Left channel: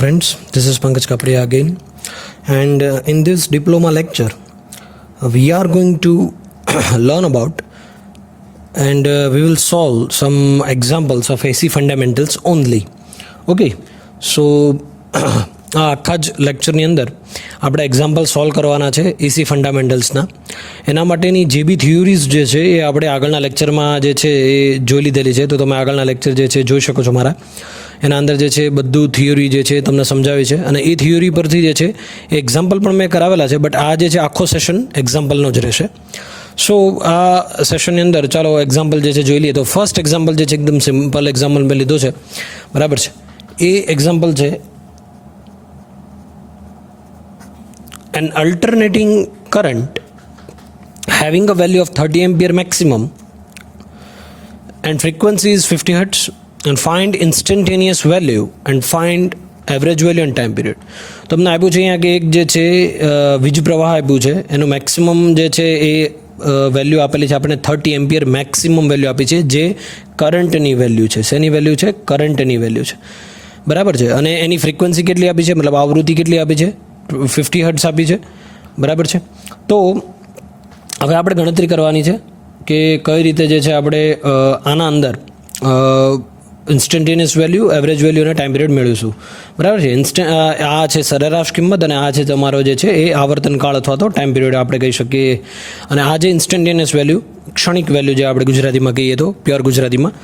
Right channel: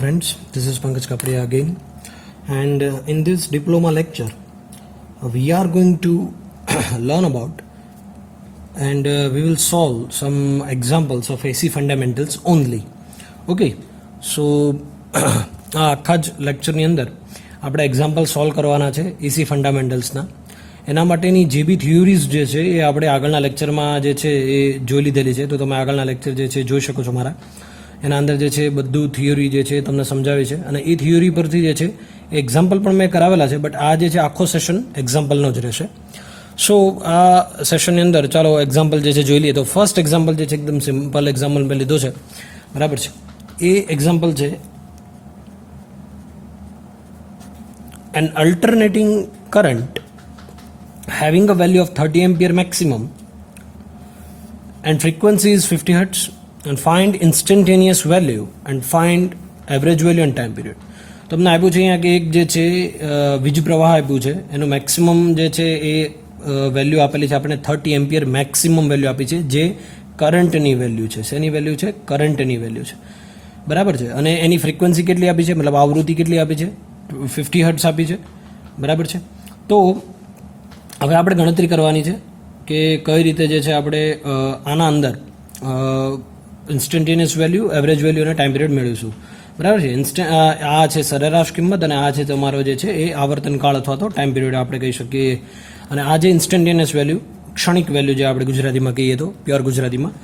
friends, this is Pankaj Kapriya again, and in this diploma lecture we are going to learn about and we will solve some examples of AC fundamentals only. Okay, so આ આખા જ લેક્ચરની અંદર આપણે example solve કરવાના છે એસી ફંડામેન્ટલ્સના. એના માટેની જે બી થિયોરીઝ જે છે એ આપણે આગળના લેક્ચરમાં જે છે એ જોઈ લીધેલી છે, તો તમે આગળના લેક્ચર જે છે જોઈ શકો છો મારા. એના અંદર જે છે બધું થિયોરી જે છે તમને સમજાવી છે અને એ થિયોરી પરથી જે છે એ એક્ઝામ્પલ પણ મેં કરાવેલા છે, બટ આ જે છે આખો સેશન એક્ઝામ્પલનો જ રહેશે. સો આ સેશનની અંદર ચાલો એક્ઝામ્પલ જે છે જોઈ લઈએ. તો ફર્સ્ટ એક્ઝામ્પલ જે છે એકદમ સિમ્પલ એક્ઝામ્પલ મેં લીધો છે, બરાબર છે. એ એક્ઝામ્પલ છે an alternating current having a value of 30 ampere maximum and frequency is 50 hertz and find instantaneous value and find average value and time period. તમને આપ્યું છે અહીંયા કે એક જે છે વીજ પ્રવાહ આપ્યું છે, એનું મેક્સિમમ જે છે એ વેલ્યુ આપેલી છે આપણે 30 એમ્પિયર મેક્સિમમ વેલ્યુ આપી છે, જે કરંટની વેલ્યુ છે. શેની વેલ્યુ છે? કરંટની વેલ્યુ છે, બરાબર છે. અને એની ફ્રિકવન્સી કેટલી આપી છે, મતલબ આવૃત્તિ કેટલી આપી છે? 50 હર્ટ્ઝ આપી છે, બરાબર છે. તો હવે આપણે ગણતરી કરવાની છે કે કઈ રીતે જે છે આપણે આના અંદર ઇન્સ્ટન્ટેનિયસ વેલ્યુ, એવરેજ વેલ્યુ અને ટાઈમ પિરિયડ મેળવીશું, બરાબર છે. આ છે સરેરાશ કિંમત અને આ છે તમારો જે છે એ આવર્તનકાળ અથવા તો ટાઈમ પિરિયડ આપણે કહી શકીએ. અને આ જે ઇન્સ્ટન્ટેનિયસ વેલ્યુ, ક્ષણિક વેલ્યુ જે આપણે ગુજરાતીમાં કહીએ તો પ્યોર ગુજરાતીમાં.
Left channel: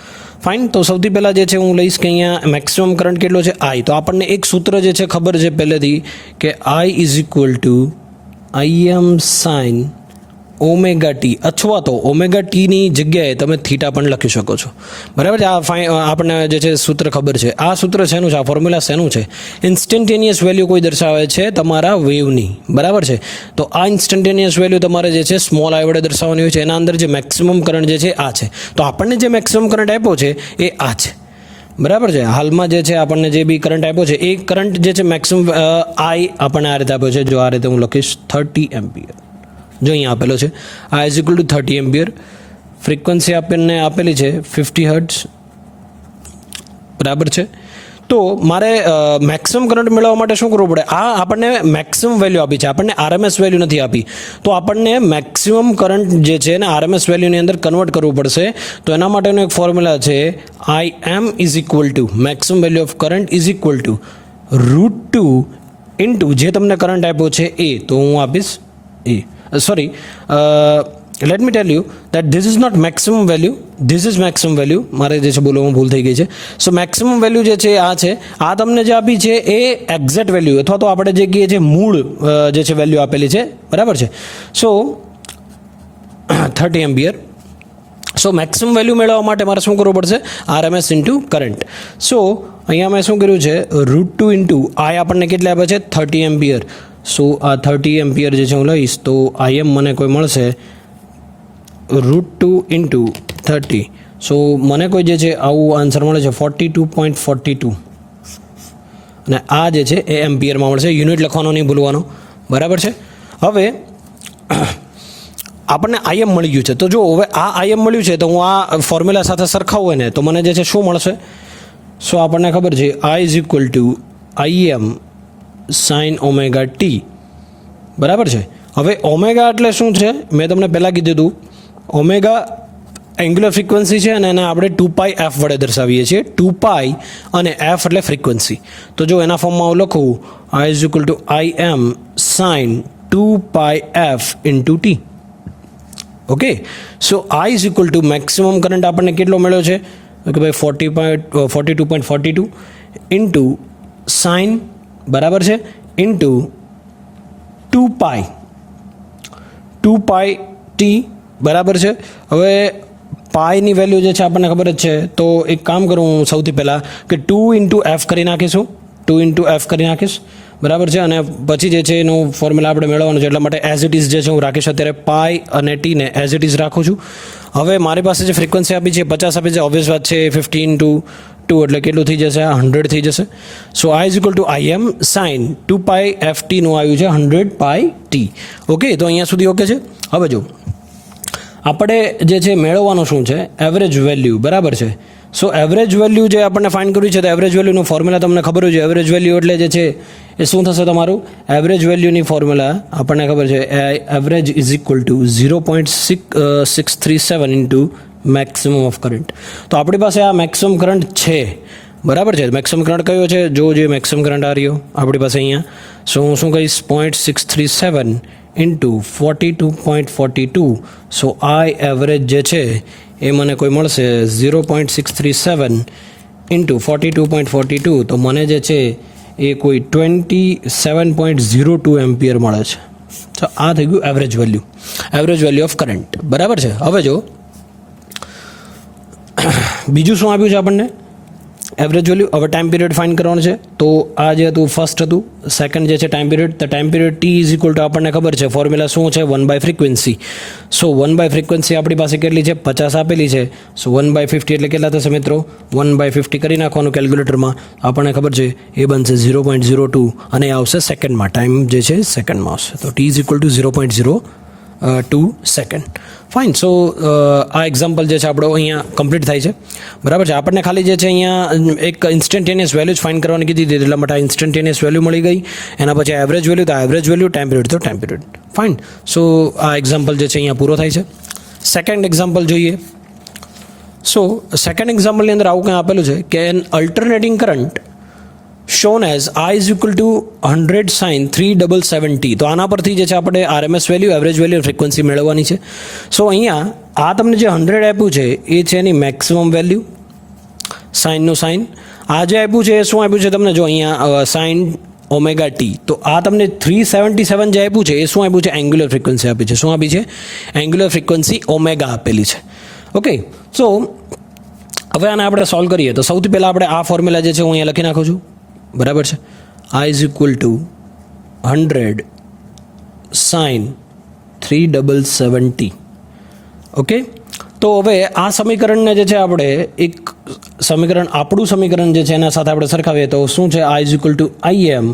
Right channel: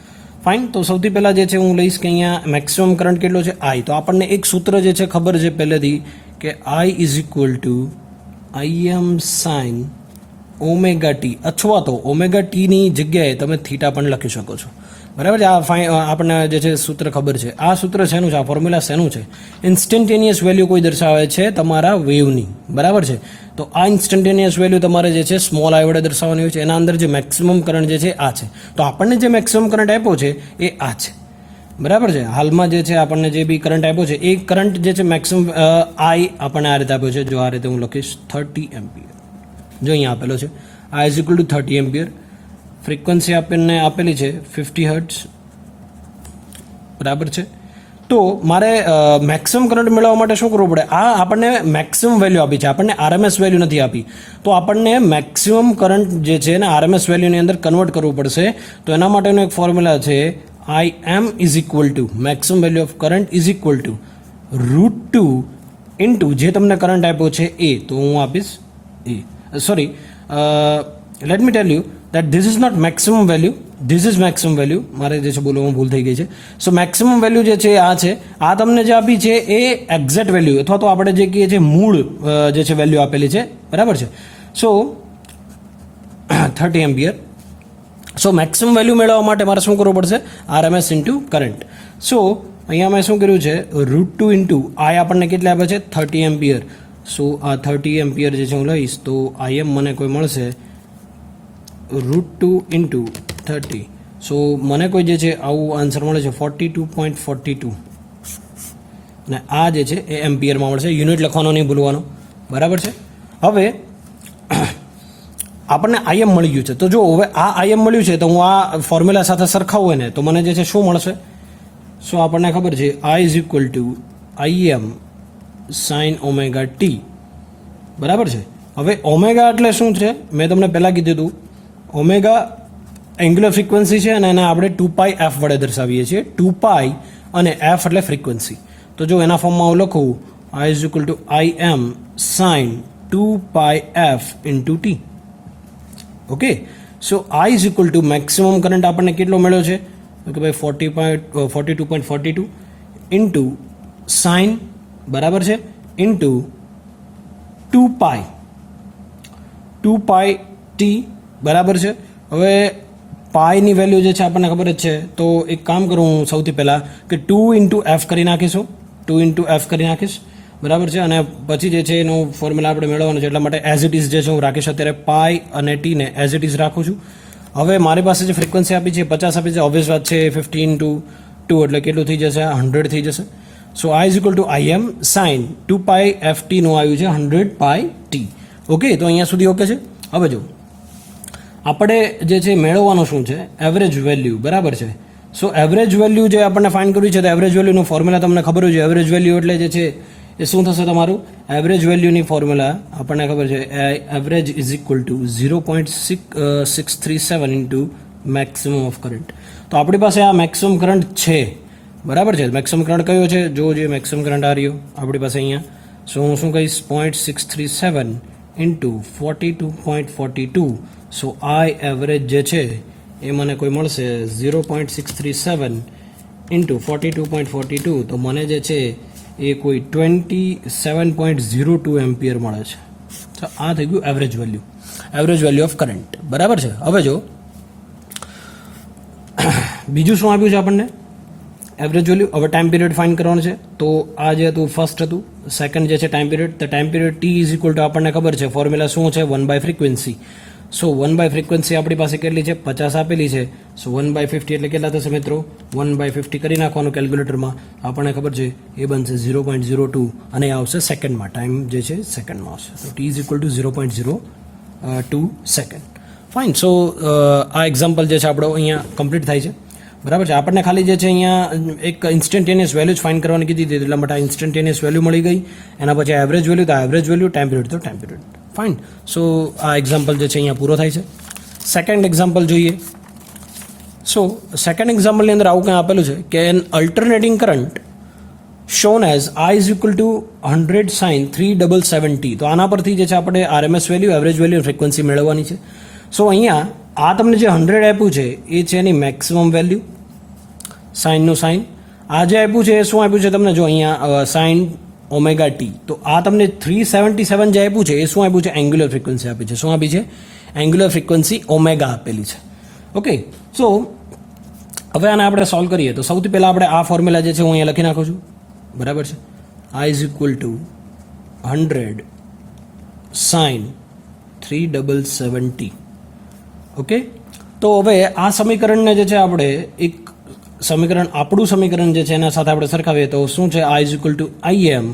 ફાઇન. તો સૌથી પહેલાં જે છે હું લઈશ કે અહીંયા મેક્સિમમ કરંટ કેટલો છે? આઈ. તો આપણને એક સૂત્ર જે છે ખબર છે પહેલેથી કે આઈ is equal two IM sign omega T, અથવા તો ઓમેગા ટીની જગ્યાએ તમે થીટા પણ લખી શકો છો, બરાબર છે. આપણને જે છે સૂત્ર ખબર છે. આ સૂત્ર શેનું છે? આ ફોર્મ્યુલા શેનું છે? ઇન્સ્ટન્ટેનિયસ વેલ્યુ કોઈ દર્શાવે છે તમારા વેવની, બરાબર છે. તો આ ઇન્સ્ટન્ટેનિયસ વેલ્યુ તમારે જે છે સ્મોલ આઈ વડે દર્શાવવાની હોય છે. એના અંદર જે મેક્સિમમ કરંટ જે છે આ છે. તો આપણને જે મેક્સિમમ કરંટ આપ્યો છે એ આ છે, બરાબર છે. હાલમાં જે છે આપણને જે બી કરંટ આપ્યો છે એ કરંટ જે છે મેક્સિમમ આઈ આપણને આ રીતે આપ્યો છે. જો આ રીતે હું લખીશ 30 એમ્પિયર, જો અહીંયા આપેલો છે આ is equal two 30 ampere. Frequency આપણને આપેલી છે 50 હર્ટ્ઝ, બરાબર છે. તો મારે મેક્સિમમ કરંટ મેળવવા માટે શું કરવું પડે? આ આપણને મેક્સિમમ વેલ્યુ આપી છે, આપણને આરએમએસ વેલ્યુ નથી આપી. તો આપણને મેક્સિમમ કરંટ જે છે ને આરએમએસ વેલ્યુની અંદર કન્વર્ટ કરવું પડશે. તો એના માટેનો એક ફોર્મ્યુલા છે I M is equal to maximum value of current is equal to √2 into જે તમને કરંટ આપ્યો છે એ. તો હું આપીશ એ. Sorry, let me tell you that this is not maximum value, this is maximum value. મારે જે છે બોલવામાં ભૂલ થઈ ગઈ છે. સો મેક્સિમમ વેલ્યુ જે છે આ છે, આ તમને જે આપી છે એ એક્ઝેક્ટ વેલ્યુ અથવા તો આપણે જે કહીએ છીએ મૂળ જે છે વેલ્યુ આપેલી છે, બરાબર છે. સો 30 એમ્પિયર. સો મેક્સિમમ વેલ્યુ મેળવવા માટે મારે શું કરવું પડશે? RMS into current. સો અહીંયા મેં શું કર્યું છે? √2 ઇન્ટુ આઈ આપણને કેટલા આપે છે? 30 એમ્પિયર. સો આ 30 એમ્પિયર જે છે હું લઈશ તો આઈએમ મને કોઈ મળશે √2 ઇન્ટુ 30. સો મને કોઈ જે છે આવું આન્સર મળે છે 42.42 અને આ જે છે એ એમ્પિયરમાં મળશે. યુનિટ લખવાનો નહીં ભૂલવાનો, બરાબર છે. હવે આપણને આઈએમ મળી ગયું છે. તો જો હવે આ આઈએમ મળ્યું છે તો હું આ ફોર્મ્યુલા સાથે સરખાવું ને તો મને જે છે શું મળશે? સો આપણને ખબર છે I is equal two IM sign omega T, બરાબર છે. હવે ઓમેગા એટલે શું છે? મેં તમને પહેલાં કીધું હતું ઓમેગા એંગ્યુલર ફ્રિકવન્સી છે અને એને આપણે 2πf વડે દર્શાવીએ છીએ. 2π અને f એટલે ફ્રિકવન્સી. તો જો એના ફોર્મમાં હું લખું I is equal to I M sine 2πf into T. Okay, so I is equal to maximum current આપણને કેટલો મળ્યો છે કે ભાઈ 42.42 ઇન્ટુ સાઇન, બરાબર છે, ઇન્ટુ 2π ટી, બરાબર છે. હવે પાઈની વેલ્યુ જે છે આપણને ખબર જ છે. તો એક કામ કરું હું સૌથી પહેલાં કે 2 ઇન્ટુ એફ કરી નાખીશું, 2 ઇન્ટુ એફ કરી નાખીશ, બરાબર છે. અને પછી જે છે એનું ફોર્મ્યુલા આપણે મેળવવાનું છે, એટલા માટે એઝ ઇટ ઇઝ જે છે હું રાખીશ અત્યારે પાઈ અને ટીને એઝ ઇટ ઇઝ રાખું છું. હવે મારી પાસે જે ફ્રિકવન્સી આપી છે 50 આપી છે, ઓબ્વિયસ વાત છે. 50 ઇન્ટુ 2 એટલે કેટલું થઈ જશે? 100 થઈ જશે. So I is equal to I M sine 2πf ટીનું આવ્યું છે 100πt. ઓકે, તો અહીંયા સુધી ઓકે છે. હવે જો આપણે જે છે મેળવવાનું શું છે? એવરેજ વેલ્યુ, બરાબર છે. સો એવરેજ વેલ્યુ જે આપણને ફાઇન્ડ કરવી છે તો એવરેજ વેલ્યુનું ફોર્મ્યુલા તમને ખબર છે. એવરેજ વેલ્યુ એટલે જે છે એ શું થશે તમારું? એવરેજ વેલ્યુની ફોર્મ્યુલા આપણને ખબર છે, average is equal two 0.637 into maximum of current. તો આપણી પાસે આ મેક્સિમમ કરંટ છે, બરાબર છે. મેક્સિમમ કરંટ કયો છે? જો જે મેક્સિમમ કરંટ આ રહ્યો આપણી પાસે અહીંયા. સો હું શું કહીશ? 0.637 ઇન્ટુ 42.42. સો આઈ એવરેજ જે છે એ મને કોઈ મળશે 0.637 ઇન્ટુ 42.42. તો મને જે છે એ કોઈ 27.02 એમ્પિયર મળે છે. તો આ થઈ ગયું એવરેજ વેલ્યુ ઓફ કરંટ, બરાબર છે. હવે જો બીજું શું આપ્યું છે આપણને? Average value. હવે ટાઈમ પીરિયડ ફાઇન્ડ કરવાનું છે. તો આ જે હતું ફર્સ્ટ હતું. સેકન્ડ જે છે ટાઈમ પીરિયડ. તો time period T is equal two આપણને ખબર છે ફોર્મ્યુલા શું છે? 1/ફ્રીક્વન્સી. સો 1/ફ્રીક્વન્સી આપણી પાસે કેટલી છે? 50 આપેલી છે. સો 1/50 એટલે કેટલા થશે મિત્રો? 1/50 કરી નાખવાનું કેલ્ક્યુલેટરમાં. આપણને ખબર છે એ બનશે 0.02 અને એ આવશે સેકન્ડમાં. ટાઈમ જે છે સેકન્ડમાં આવશે. તો T is equal to 0.02 second. Fine. So આ એક્ઝામ્પલ જે છે આપણો અહીંયા કમ્પ્લીટ થાય છે, બરાબર છે. આપણને ખાલી જે છે અહીંયા એક ઇન્સ્ટન્ટેનિયસ વેલ્યુ જ ફાઇન્ડ કરવાની કીધી હતી, એટલા માટે આ ઇન્સ્ટન્ટેનિયસ વેલ્યુ મળી ગઈ. એના પછી એવરેજ વેલ્યુ, તો એવરેજ વેલ્યુ, ટાઈમ પીરિયડ તો ટાઈમ પીરિયડ. ફાઇન. સો આ એક્ઝામ્પલ જે છે અહીંયા પૂરો થાય છે. સેકન્ડ એક્ઝામ્પલ જોઈએ. સો સેકન્ડ એક્ઝામ્પલની અંદર આવું કંઈ આપેલું છે કે an alternating current shown as I is equal to 100 sin 3770. તો આના પરથી જે છે આપણે RMS value, average value, frequency મેળવવાની છે. સો અહીંયા આ તમને જે 100 આપ્યું છે એ છે એની મેક્સિમમ વેલ્યુ, સાઇનનું સાઇન. આ જે આપ્યું છે એ શું આપ્યું છે તમને? જો અહીંયા સાઇન ઓમેગા ટી. તો આ તમને 377 જે આપ્યું છે એ શું આપ્યું છે? એંગ્યુલર ફ્રીક્વન્સી આપી છે. શું આપી છે? એંગ્યુલર ફ્રીક્વન્સી ઓમેગા આપેલી છે. ઓકે. સો હવે આને આપણે સોલ્વ કરીએ તો સૌથી પહેલાં આપણે આ ફોર્મ્યુલા જે છે હું અહીંયા લખી નાખું છું, બરાબર છે. I is equal to 100 sin 3770. Okay. તો હવે આ સમીકરણને જે છે આપણે એક સમીકરણ, આપણું સમીકરણ જે છે એના સાથે આપણે સરખાવીએ તો શું છે? I is equal two IM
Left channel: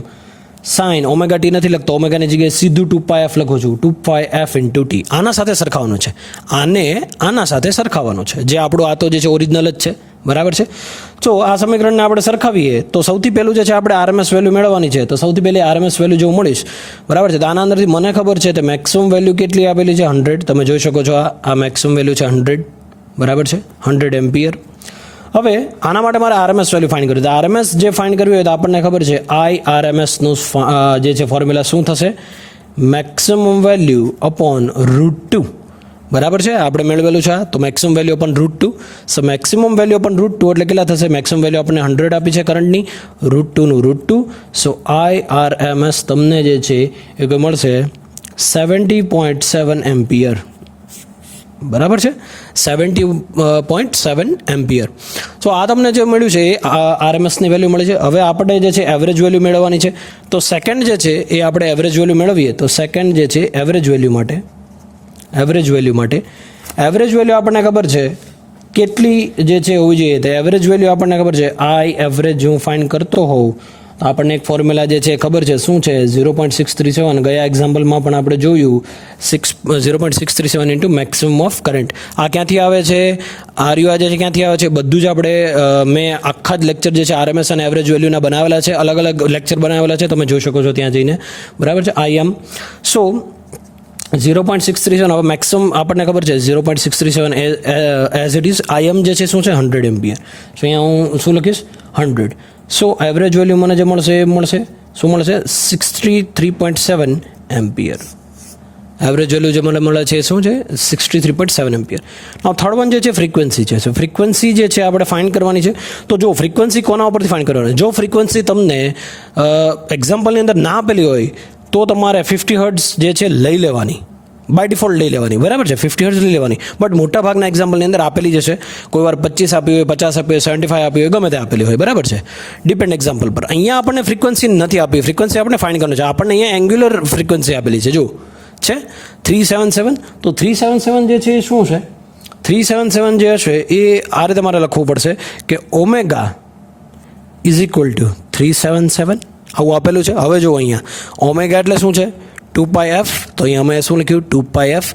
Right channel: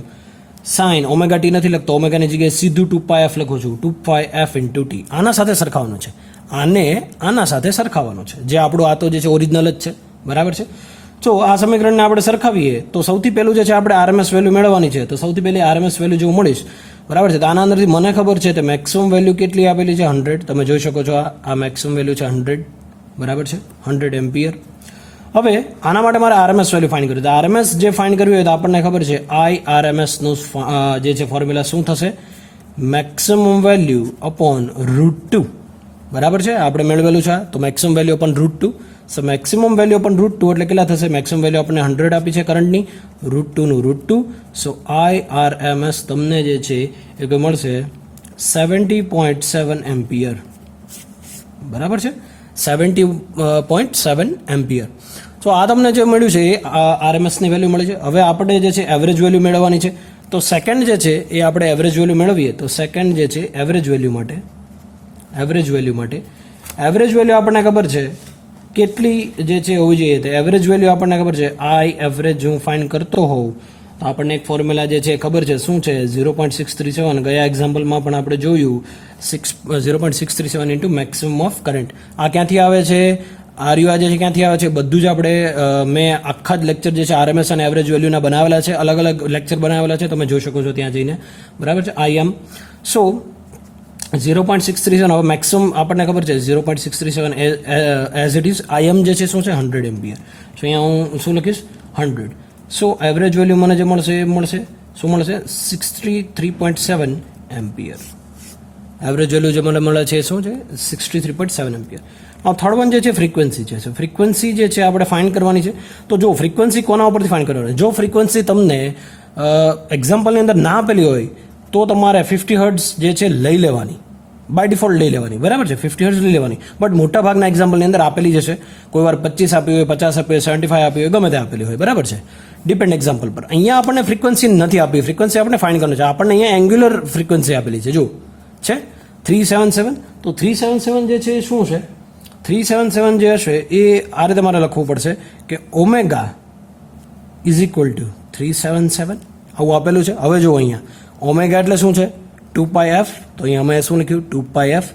sign omega T નથી લખતો, ઓમેગાની જગ્યાએ સીધું 2πf લખું છું, 2πf ઇન્ટુ ટી. આના સાથે સરખાવવાનું છે, આને આના સાથે સરખાવવાનું છે, જે આપણું આ તો જે છે ઓરિજિનલ જ છે, બરાબર છે. તો આ સમીકરણને આપણે સરખાવીએ તો સૌથી પહેલું જે છે આપણે RMS વેલ્યુ મેળવવાની છે. તો સૌથી પહેલી RMS વેલ્યુ જો મળીશ, બરાબર છે. તો આના અંદરથી મને ખબર છે તો મેક્સિમમ વેલ્યુ કેટલી આપેલી છે? 100. તમે જોઈ શકો છો આ મેક્સિમમ વેલ્યુ છે 100, બરાબર છે, 100 એમ્પિયર. હવે આના માટે મારે RMS વેલ્યુ ફાઇન્ડ કરવી. તો RMS જે ફાઇન્ડ કરવી હોય તો આપણને ખબર છે IRMSનું જે છે ફોર્મ્યુલા શું થશે? મેક્સિમમ વેલ્યુ અપોન √2, બરાબર છે. આપણે મેળવેલું છે તો મેક્સિમમ વેલ્યુ અપોન √2. સો મેક્સિમમ વેલ્યુ અપોન √2 એટલે કેટલા થશે? મેક્સિમમ વેલ્યુ આપણને 100 આપી છે કરંટની, √2 નું √2. સો IRMS તમને જે છે એ કોઈ મળશે 70.7 એમ્પિયર, બરાબર છે, 70.7 એમ્પિયર. સો આ તમને જે મળ્યું છે એ RMSની વેલ્યુ મળે છે. હવે આપણે જે છે એવરેજ વેલ્યુ મેળવવાની છે. તો સેકન્ડ જે છે એ આપણે એવરેજ વેલ્યુ મેળવીએ તો સેકન્ડ જે છે એવરેજ વેલ્યુ માટે એવરેજ વેલ્યુ આપણને ખબર છે કેટલી જે છે હોવી જોઈએ. તો એવરેજ વેલ્યુ આપણને ખબર છે I એવરેજ હું ફાઇન્ડ કરતો હોઉં તો આપણને એક ફોર્મ્યુલા જે છે ખબર છે શું છે? 0.637. ગયા એક્ઝામ્પલમાં પણ આપણે જોયું 0.637 ઇન્ટુ મેક્સિમમ ઓફ કરંટ. આ ક્યાંથી આવે છે? આર્યુ જે છે ક્યાંથી આવે છે? બધું જ આપણે મેં આખા જ લેક્ચર જે છે RMS અને એવરેજ વેલ્યુના બનાવેલા છે, અલગ અલગ લેક્ચર બનાવેલા છે, તમે જોઈ શકો છો ત્યાં જઈને, બરાબર છે. IM. સો 0.637. હવે મેક્સિમમ આપણને ખબર છે 0.637 એઝ ઇટ ઇઝ. IM જે છે શું છે? 100 એમ્પિયર. સો અહીંયા હું શું લખીશ? 100. સો એવરેજ વેલ્યુ મને જે મળશે એ મળશે શું મળશે? 63.7 એમ્પિયર. એવરેજ વેલ્યુ જે મને મળે છે એ શું છે? 63.7 એમ્પિયર. હવે થર્ડ વન જે છે ફ્રીક્વન્સી છે. સો ફ્રીક્વન્સી જે છે આપણે ફાઇન્ડ કરવાની છે. તો જો ફ્રીક્વન્સી કોના ઉપરથી ફાઇન્ડ કરવાની? જો ફ્રીક્વન્સી તમને એક્ઝામ્પલની અંદર ના આપેલી હોય તો તમારે 50 હર્ટ્ઝ જે છે લઈ લેવાની, બાય ડિફોલ્ટ લઈ લેવાની, બરાબર છે, 50 હર્ટ્ઝ લઈ લેવાની. બટ મોટા ભાગના એક્ઝામ્પલની અંદર આપેલી જશે. કોઈ વાર 25 આપી હોય, 50 આપી હોય, 75 આપી હોય, ગમે તે આપેલી હોય, બરાબર છે, ડિપેન્ડ એક્ઝામ્પલ પર. અહીંયા આપણને ફ્રીક્વન્સી નથી આપી, ફ્રીક્વન્સી આપણે ફાઇન્ડ કરવાનું છે. આપણને અહીંયા એંગ્યુલર ફ્રીક્વન્સી આપેલી છે, જો છે 377. તો 377 જે છે એ શું છે? 377 જે હશે એ આ રીતે મારે લખવું પડશે કે ઓમેગા ઇઝ ઇક્વલ ટુ 377, આવું આપેલું છે. હવે જો અહીંયા ઓમેગા એટલે શું છે? 2πf. તો અહીંયા અમે શું લખ્યું? 2πf.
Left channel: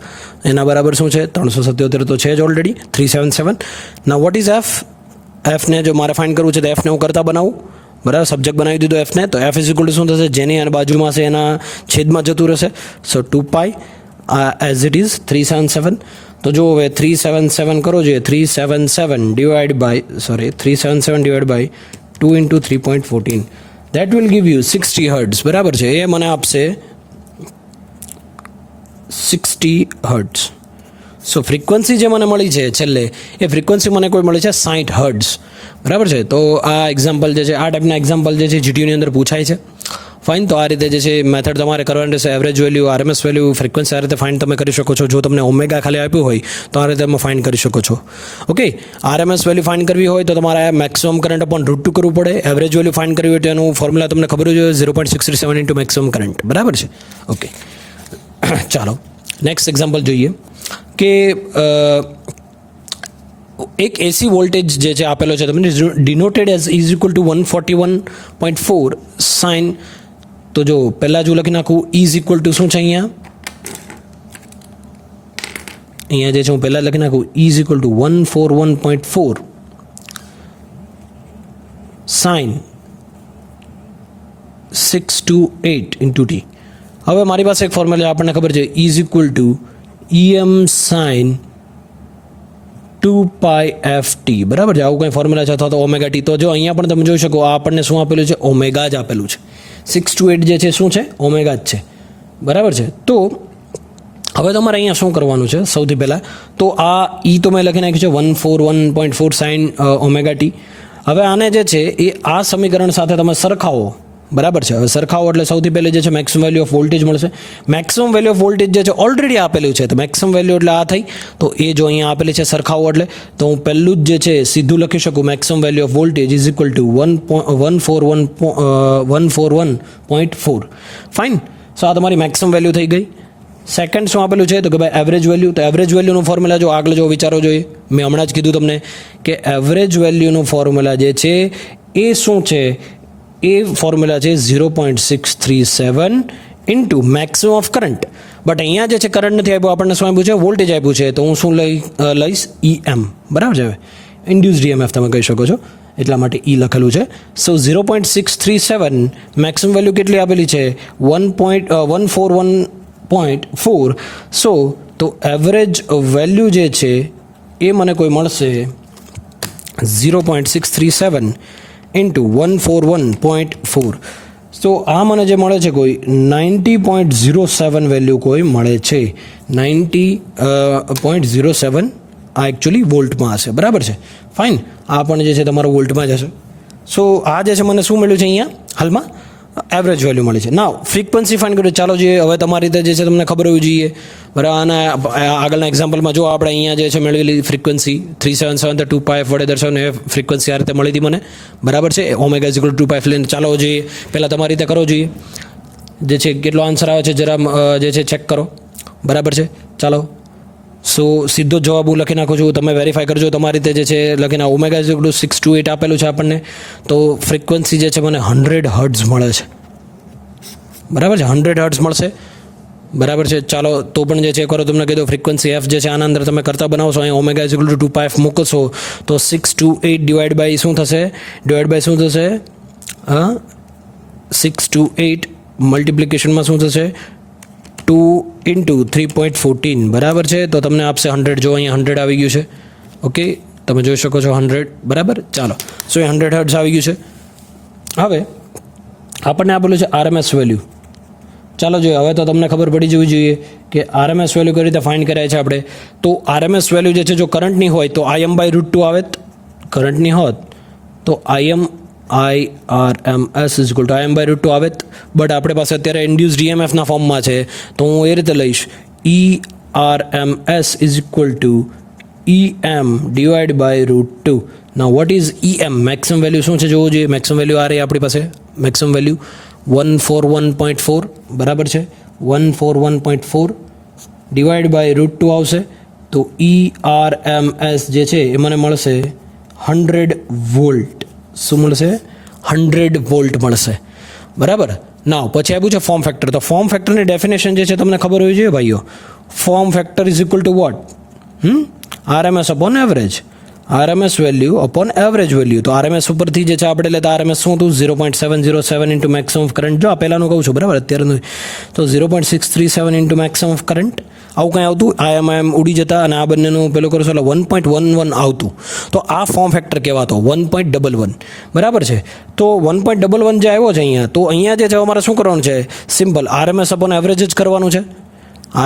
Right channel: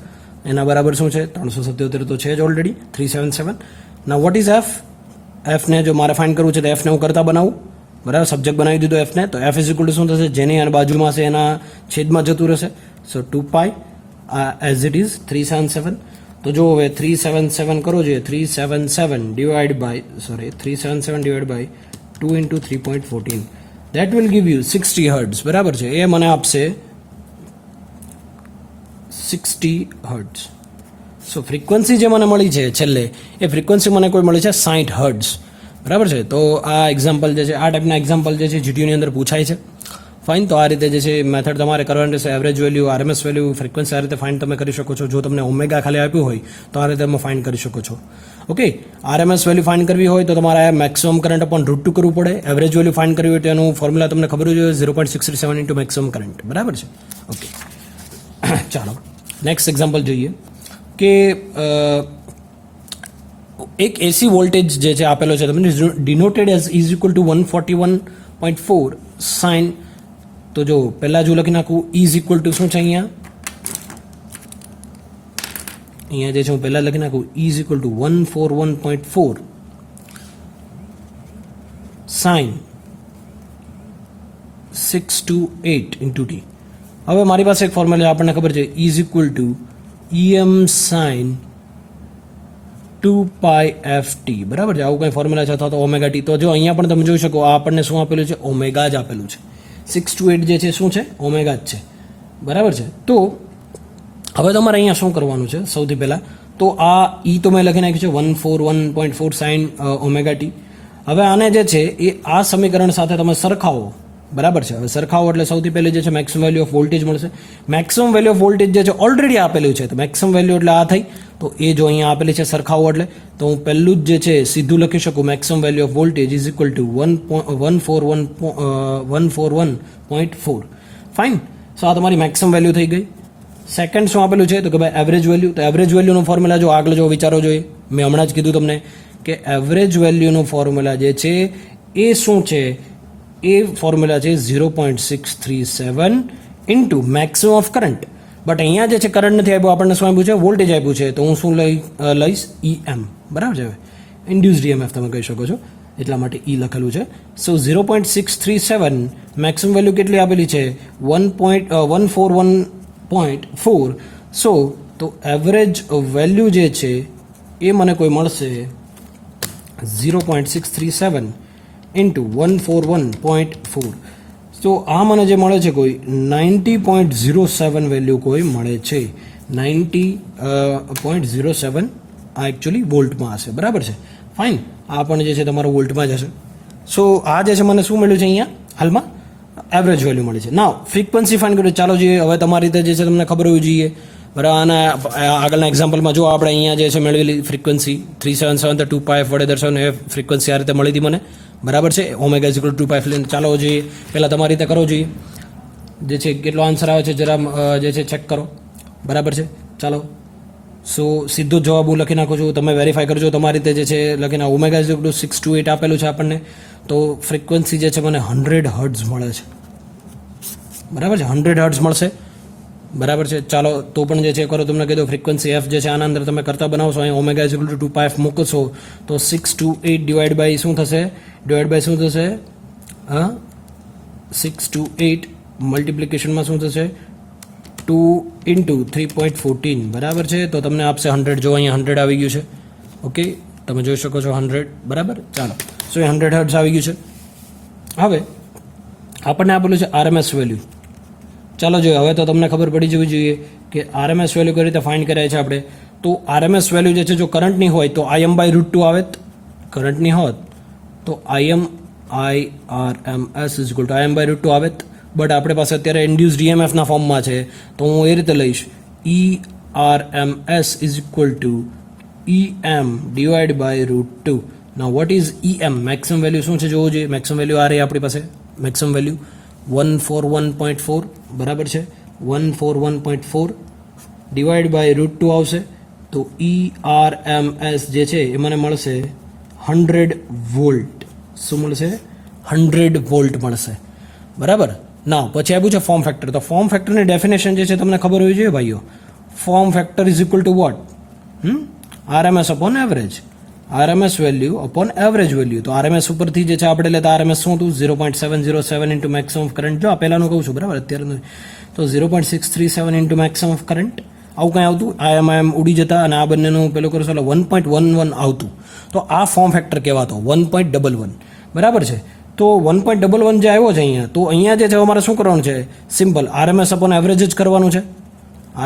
એના બરાબર શું છે? 377 તો છે જ already. 377. Now what is f? એફને જો મારે ફાઇન્ડ કરવું છે તો એફને હું કરતા બનાવું, બરાબર, સબ્જેક્ટ બનાવી દીધો એફને, તો એફ ઇઝ ઇક્વલ ટુ શું થશે, જેની અને બાજુમાં છે એના છેદમાં જતું રહેશે. So 2 as it is 377. તો જો હવે 377 કરો જોઈએ, 377 divide by 2 into 3.14, that will give you 60 hertz, બરાબર છે. એ મને આપશે 60 હર્ટ્ઝ. સો ફ્રીક્વન્સી જે મને મળી છે છેલ્લે, એ ફ્રીક્વન્સી મને કોઈ મળી છે 60 હર્ટ્ઝ, બરાબર છે. તો આ એક્ઝામ્પલ જે છે, આ ટાઈપના એક્ઝામ્પલ જે છે જીટીયુની અંદર પૂછાય છે. ફાઇન. તો આ રીતે જે છે મેથડ તમારે કરવાની રહેશે. Average value, RMS value, frequency આ રીતે ફાઇન્ડ તમે કરી શકો છો. જો તમને ઓમેગા ખાલી આપ્યું હોય તો આ રીતે તમે ફાઇન્ડ કરી શકો છો. ઓકે, આરએમએસ વેલ્યુ ફાઇન્ડ કરવી હોય તો તમારે મેક્સિમમ કરંટ અપોન √2 કરવું પડે. એવરેજ વેલ્યુ ફાઇન્ડ કરવી હોય તો એનું ફોર્મ્યુલા તમને ખબર જ હોય, 0.637 ઇન્ટુ મેક્સિમમ કરંટ, બરાબર છે. ઓકે, ચાલો નેક્સ્ટ એક્ઝામ્પલ જોઈએ કે એક એસી વોલ્ટેજ જે છે આપેલો છે તમને, denoted as is equal to 141.4 sine. તો જો પહેલાં જો લખી નાખું, ઇઝ ઇક્વલ ટુ શું છે અહીંયા જે છે હું પહેલાં લખી નાખું, is equal to 141.4 sine 628 into T. હવે મારી પાસે એક ફોર્મ્યુલા આપણને ખબર છે, is equal to EM sine 2πft, બરાબર છે. આવું કંઈ ફોર્મ્યુલા છે, અથવા તો ઓમેગા ટી. તો જો અહીંયા પણ તમે જોઈ શકો, આ આપણને શું આપેલું છે, ઓમેગા જ આપેલું છે. 628 જે છે શું છે, ઓમેગા જ છે, બરાબર છે. તો હવે તમારે અહીંયા શું કરવાનું છે, સૌથી પહેલાં તો આ ઈ તો મેં લખી નાખ્યું છે 141.4 સાઇન ઓમેગા ટી. હવે આને જે છે એ આ સમીકરણ સાથે તમે સરખાવો, બરાબર છે. હવે સરખાવો એટલે સૌથી પહેલી જે છે મેક્સિમમ વેલ્યુ ઓફ વોલ્ટેજ મળશે. મેક્સિમમ વેલ્યુ ઓફ વોલ્ટેજ જે છે ઓલરેડી આપેલું છે, તો મેક્સિમમ વેલ્યુ એટલે આ થઈ. તો એ જો અહીંયા આપેલી છે સરખાવો એટલે, તો હું પહેલું જ જે છે સીધું લખી શકું, maximum value of voltage is equal to 141.4. Fine. So આ તમારી મેક્સિમમ વેલ્યુ થઈ ગઈ. સેકન્ડ શું આપેલું છે, તો કે ભાઈ એવરેજ વેલ્યુ. તો એવરેજ વેલ્યુનું ફોર્મ્યુલા જો આગળ જો વિચારો જોઈએ, મેં હમણાં જ કીધું તમને કે એવરેજ વેલ્યુનું ફોર્મ્યુલા જે છે એ શું છે, એ ફોર્મ્યુલા છે 0.637 into maximum of current. But અહીંયા જે છે કરંટ નથી આપ્યું, આપણને શું આપ્યું છે, વોલ્ટેજ આપ્યું છે. તો હું શું લઈશ, EM, બરાબર છે. ઇન્ડ્યુસ્ડ EMF તમે કહી શકો છો, એટલા માટે E લખેલું છે. સો 0.637 મેક્સિમમ વેલ્યુ કેટલી આપેલી છે, 141.4. સો તો એવરેજ વેલ્યુ જે છે એ મને કોઈ મળશે 0.637 ઇન્ટુ 141.4. તો આ મને જે મળે છે કોઈ 90.07 વેલ્યુ કોઈ મળે છે. 90.07 આ એકચ્યુઅલી વોલ્ટમાં હશે, બરાબર છે. ફાઇન. આ પણ જે છે તમારો વોલ્ટમાં જ હશે. સો આ જે છે મને શું મળ્યું છે અહીંયા હાલમાં, એવરેજ વેલ્યુ મળી છે. નાવ ફ્રીક્વન્સી ફાઇન્ડ કરો. ચાલો જોઈએ, હવે તમારી રીતે જે છે તમને ખબર હોવી જોઈએ, બરાબર. અને આગળના એક્ઝામ્પલમાં જો આપણે અહીંયા જે છે મેળવેલી ફ્રીક્વન્સી 377 તો 2πf વડે દર્શાવને એ ફ્રીક્વન્સી આ રીતે મળી હતી મને, બરાબર છે. Omega is equal to 2πf લઈને ચાલો જોઈએ, પહેલાં તમારી રીતે કરો જોઈએ, જે છે કેટલો આન્સર આવે છે જરા જે છે ચેક કરો, બરાબર છે. ચાલો, સો સીધો જવાબ હું લખી નાખું છું, તમે વેરીફાઈ કરજો તમારી રીતે જે છે લખીને. ઓમેગા ઇઝ ઇક્વલ ટુ 628 આપેલું છે આપણને, તો ફ્રીક્વન્સી જે છે મને 100 હર્ટ્ઝ મળે છે, બરાબર છે. 100 હર્ટ્ઝ મળશે, બરાબર છે. ચાલો તો પણ જે છે કરો, તમને કીધું ફ્રીક્વન્સી એફ જે છે આના અંદર તમે કરતા બનાવશો, અહીંયા omega is equal to 2πf મૂકશો તો 628 ડિવાઈડ બાય શું થશે, 628 મલ્ટિપ્લિકેશનમાં શું થશે, 2 ઇન્ટુ 3.14, બરાબર છે. તો તમને આપશે 100. જો અહીંયા 100 આવી ગયું છે, ઓકે, તમે જોઈ શકો છો 100, બરાબર. ચાલો, સો એ 100 હર્ટ્ઝ આવી ગયું છે. હવે આપણને આપેલું છે આરએમએસ વેલ્યુ. ચાલો જોઈએ, હવે તો તમને ખબર પડી જવી જોઈએ કે આરએમએસ વેલ્યુ કઈ રીતે ફાઇન્ડ કરાય છે આપણે. તો આરએમએસ વેલ્યુ જે છે જો કરંટની હોય તો Im/√2 આવે, કરંટની હોત તો IRMS is equal two Im/√2 આવે. બટ આપણે પાસે અત્યારે ઇન્ડ્યુસ્ડ EMFના ફોર્મમાં છે, તો હું એ રીતે લઈશ ERMS is equal to EM divide by √2. Now what is EM? Maximum value શું છે જોવું જોઈએ. મેક્સિમમ વેલ્યુ આ રહી આપણી પાસે, મેક્સિમમ વેલ્યુ 141.4, બરાબર છે. 141.4 ડિવાઈડ બાય √2 આવશે, તો ERMS જે છે એ મને મળશે 100 વોલ્ટ. શું મળશે? 100 વોલ્ટ મળશે, બરાબર. નાવ પછી આપ્યું છે ફોર્મ ફેક્ટર. તો ફોર્મ ફેક્ટરની ડેફિનેશન જે છે તમને ખબર હોવી જોઈએ ભાઈઓ. Form factor is equal to what? RMS upon average. RMS value upon average value. તો RMS ઉપરથી જે છે આપણે લેતા RMS શું હતું 0.707 ઇન્ટુ મેક્સિમમ ઓફ કરંટ. જો આ પહેલાંનું કહું છું બરાબર, અત્યારનું તો 0.637 ઇન્ટુ મેક્સિમમ ઓફ કરંટ આવું કંઈ આવતું. આમ ઉડી જતા અને આ બંનેનું પેલું કરશો એટલે 1.11 આવતું. તો આ ફોર્મ ફેક્ટર કહેવાતો 1.11 બરાબર છે. તો 1.11 જે આવ્યો છે અહીંયા, તો અહીંયા જે છે અમારે શું કરવાનું છે, સિમ્પલ RMS અપોન એવરેજ જ કરવાનું છે.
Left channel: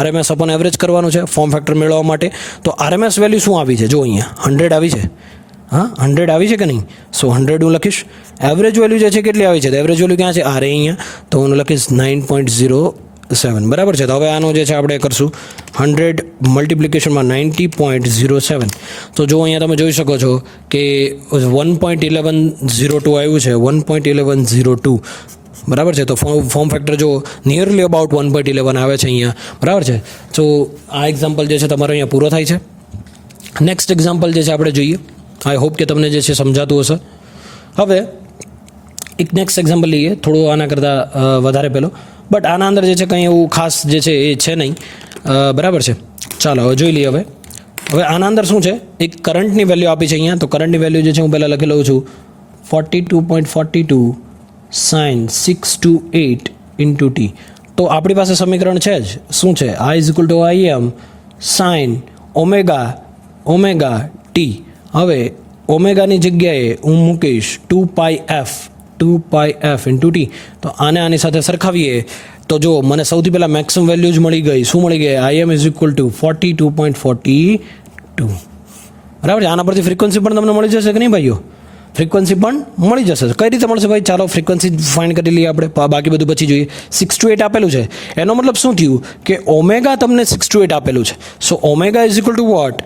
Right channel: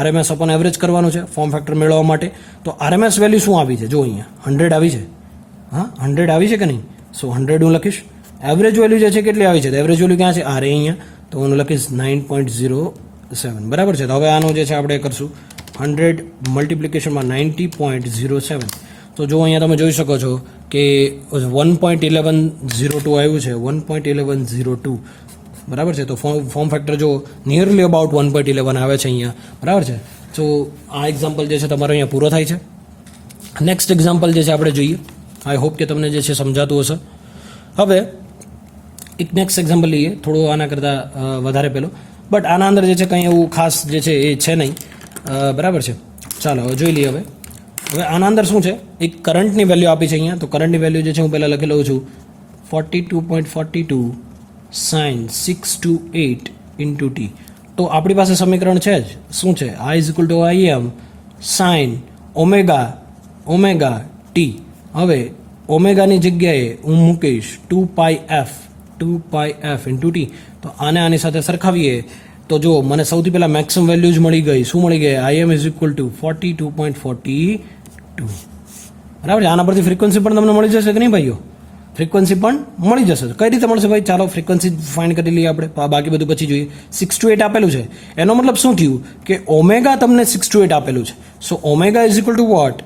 RMS અપોન એવરેજ કરવાનું છે ફોર્મ ફેક્ટર મેળવવા માટે. તો RMS વેલ્યુ શું આવી છે, જો અહીંયા 100 આવી છે. હા 100 આવી છે કે નહીં? સો 100 હું લખીશ. એવરેજ વેલ્યુ જે છે કેટલી આવી છે, તો એવરેજ વેલ્યુ ક્યાં છે, આ રે અહીંયા. તો હું લખીશ 9.07 બરાબર છે. તો હવે આનું જે છે આપણે કરશું 100 મલ્ટિપ્લિકેશનમાં 90.07. તો જો અહીંયા તમે જોઈ શકો છો કે 1.1102 આવ્યું છે, 1.1102 બરાબર છે. તો ફોર્મ ફેક્ટર જો નિયરલી અબાઉટ 1.11 આવે છે અહીંયા બરાબર છે. તો આ એક્ઝામ્પલ જે છે તમારો અહીંયા પૂરો થાય છે. નેક્સ્ટ એક્ઝામ્પલ જે છે આપણે જોઈએ. આઈ હોપ કે તમને જે છે સમજાતું હશે. હવે એક નેક્સ્ટ એક્ઝામ્પલ લઈએ, થોડું આના કરતાં વધારે પેલો, બટ આના અંદર જે છે કંઈ એવું ખાસ જે છે એ છે નહીં બરાબર છે. ચાલો હવે જોઈ લઈએ. હવે આના અંદર શું છે, એક કરંટની વેલ્યુ આપી છે અહીંયા. તો કરંટની વેલ્યુ જે છે હું પહેલાં લખી લઉં છું 42.42 sin 628 ઇન્ટુ ટી. તો આપણી પાસે સમીકરણ છે જ, શું છે, I is equal two IM sin omega T. હવે ઓમેગાની જગ્યાએ હું મૂકીશ 2πf ઇન્ટુ ટી. તો આની સાથે સરખાવીએ તો જુઓ મને સૌથી પહેલાં મેક્સિમમ વેલ્યુ જ મળી ગઈ. શું મળી ગઈ, IM ઇઝ ઇક્વલ ટુ 42.42 બરાબર છે. આના પરથી ફ્રીક્વન્સી પણ તમને મળી જશે કે નહીં ભાઈઓ? ફ્રીક્વન્સી પણ મળી જશે. કઈ રીતે મળશે ભાઈ? ચાલો ફ્રીક્વન્સી ફાઇન્ડ કરી લઈએ આપણે, બાકી બધું પછી જોઈએ. 628 આપેલું છે, એનો મતલબ શું થયું કે ઓમેગા તમને 628 આપેલું છે. So omega is equal to what,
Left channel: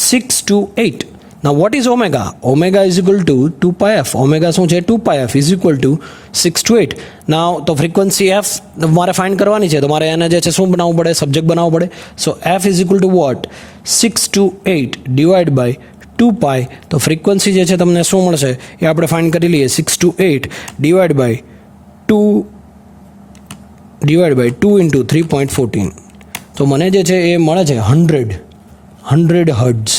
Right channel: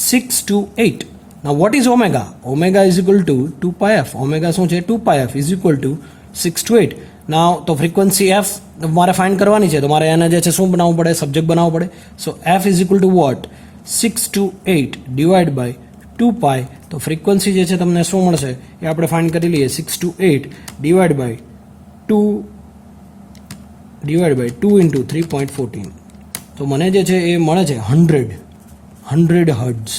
628. Now what is omega? Omega is equal to 2πf. Omega શું છે, 2πf is equal to 628. Now તો ફ્રીક્વન્સી f મારે ફાઇન્ડ કરવાની છે, તો મારે એને જે છે શું બનાવવું પડે, સબ્જેક્ટ બનાવવું પડે. So f is equal to what, 628 divide by 2π. તો ફ્રીક્વન્સી જે છે તમને શું મળશે એ આપણે ફાઇન્ડ કરી લઈએ. 628 ડિવાઈડ બાય 2 ઇન્ટુ 3.14. તો મને જે છે એ મળે છે 100 હર્ટ્ઝ.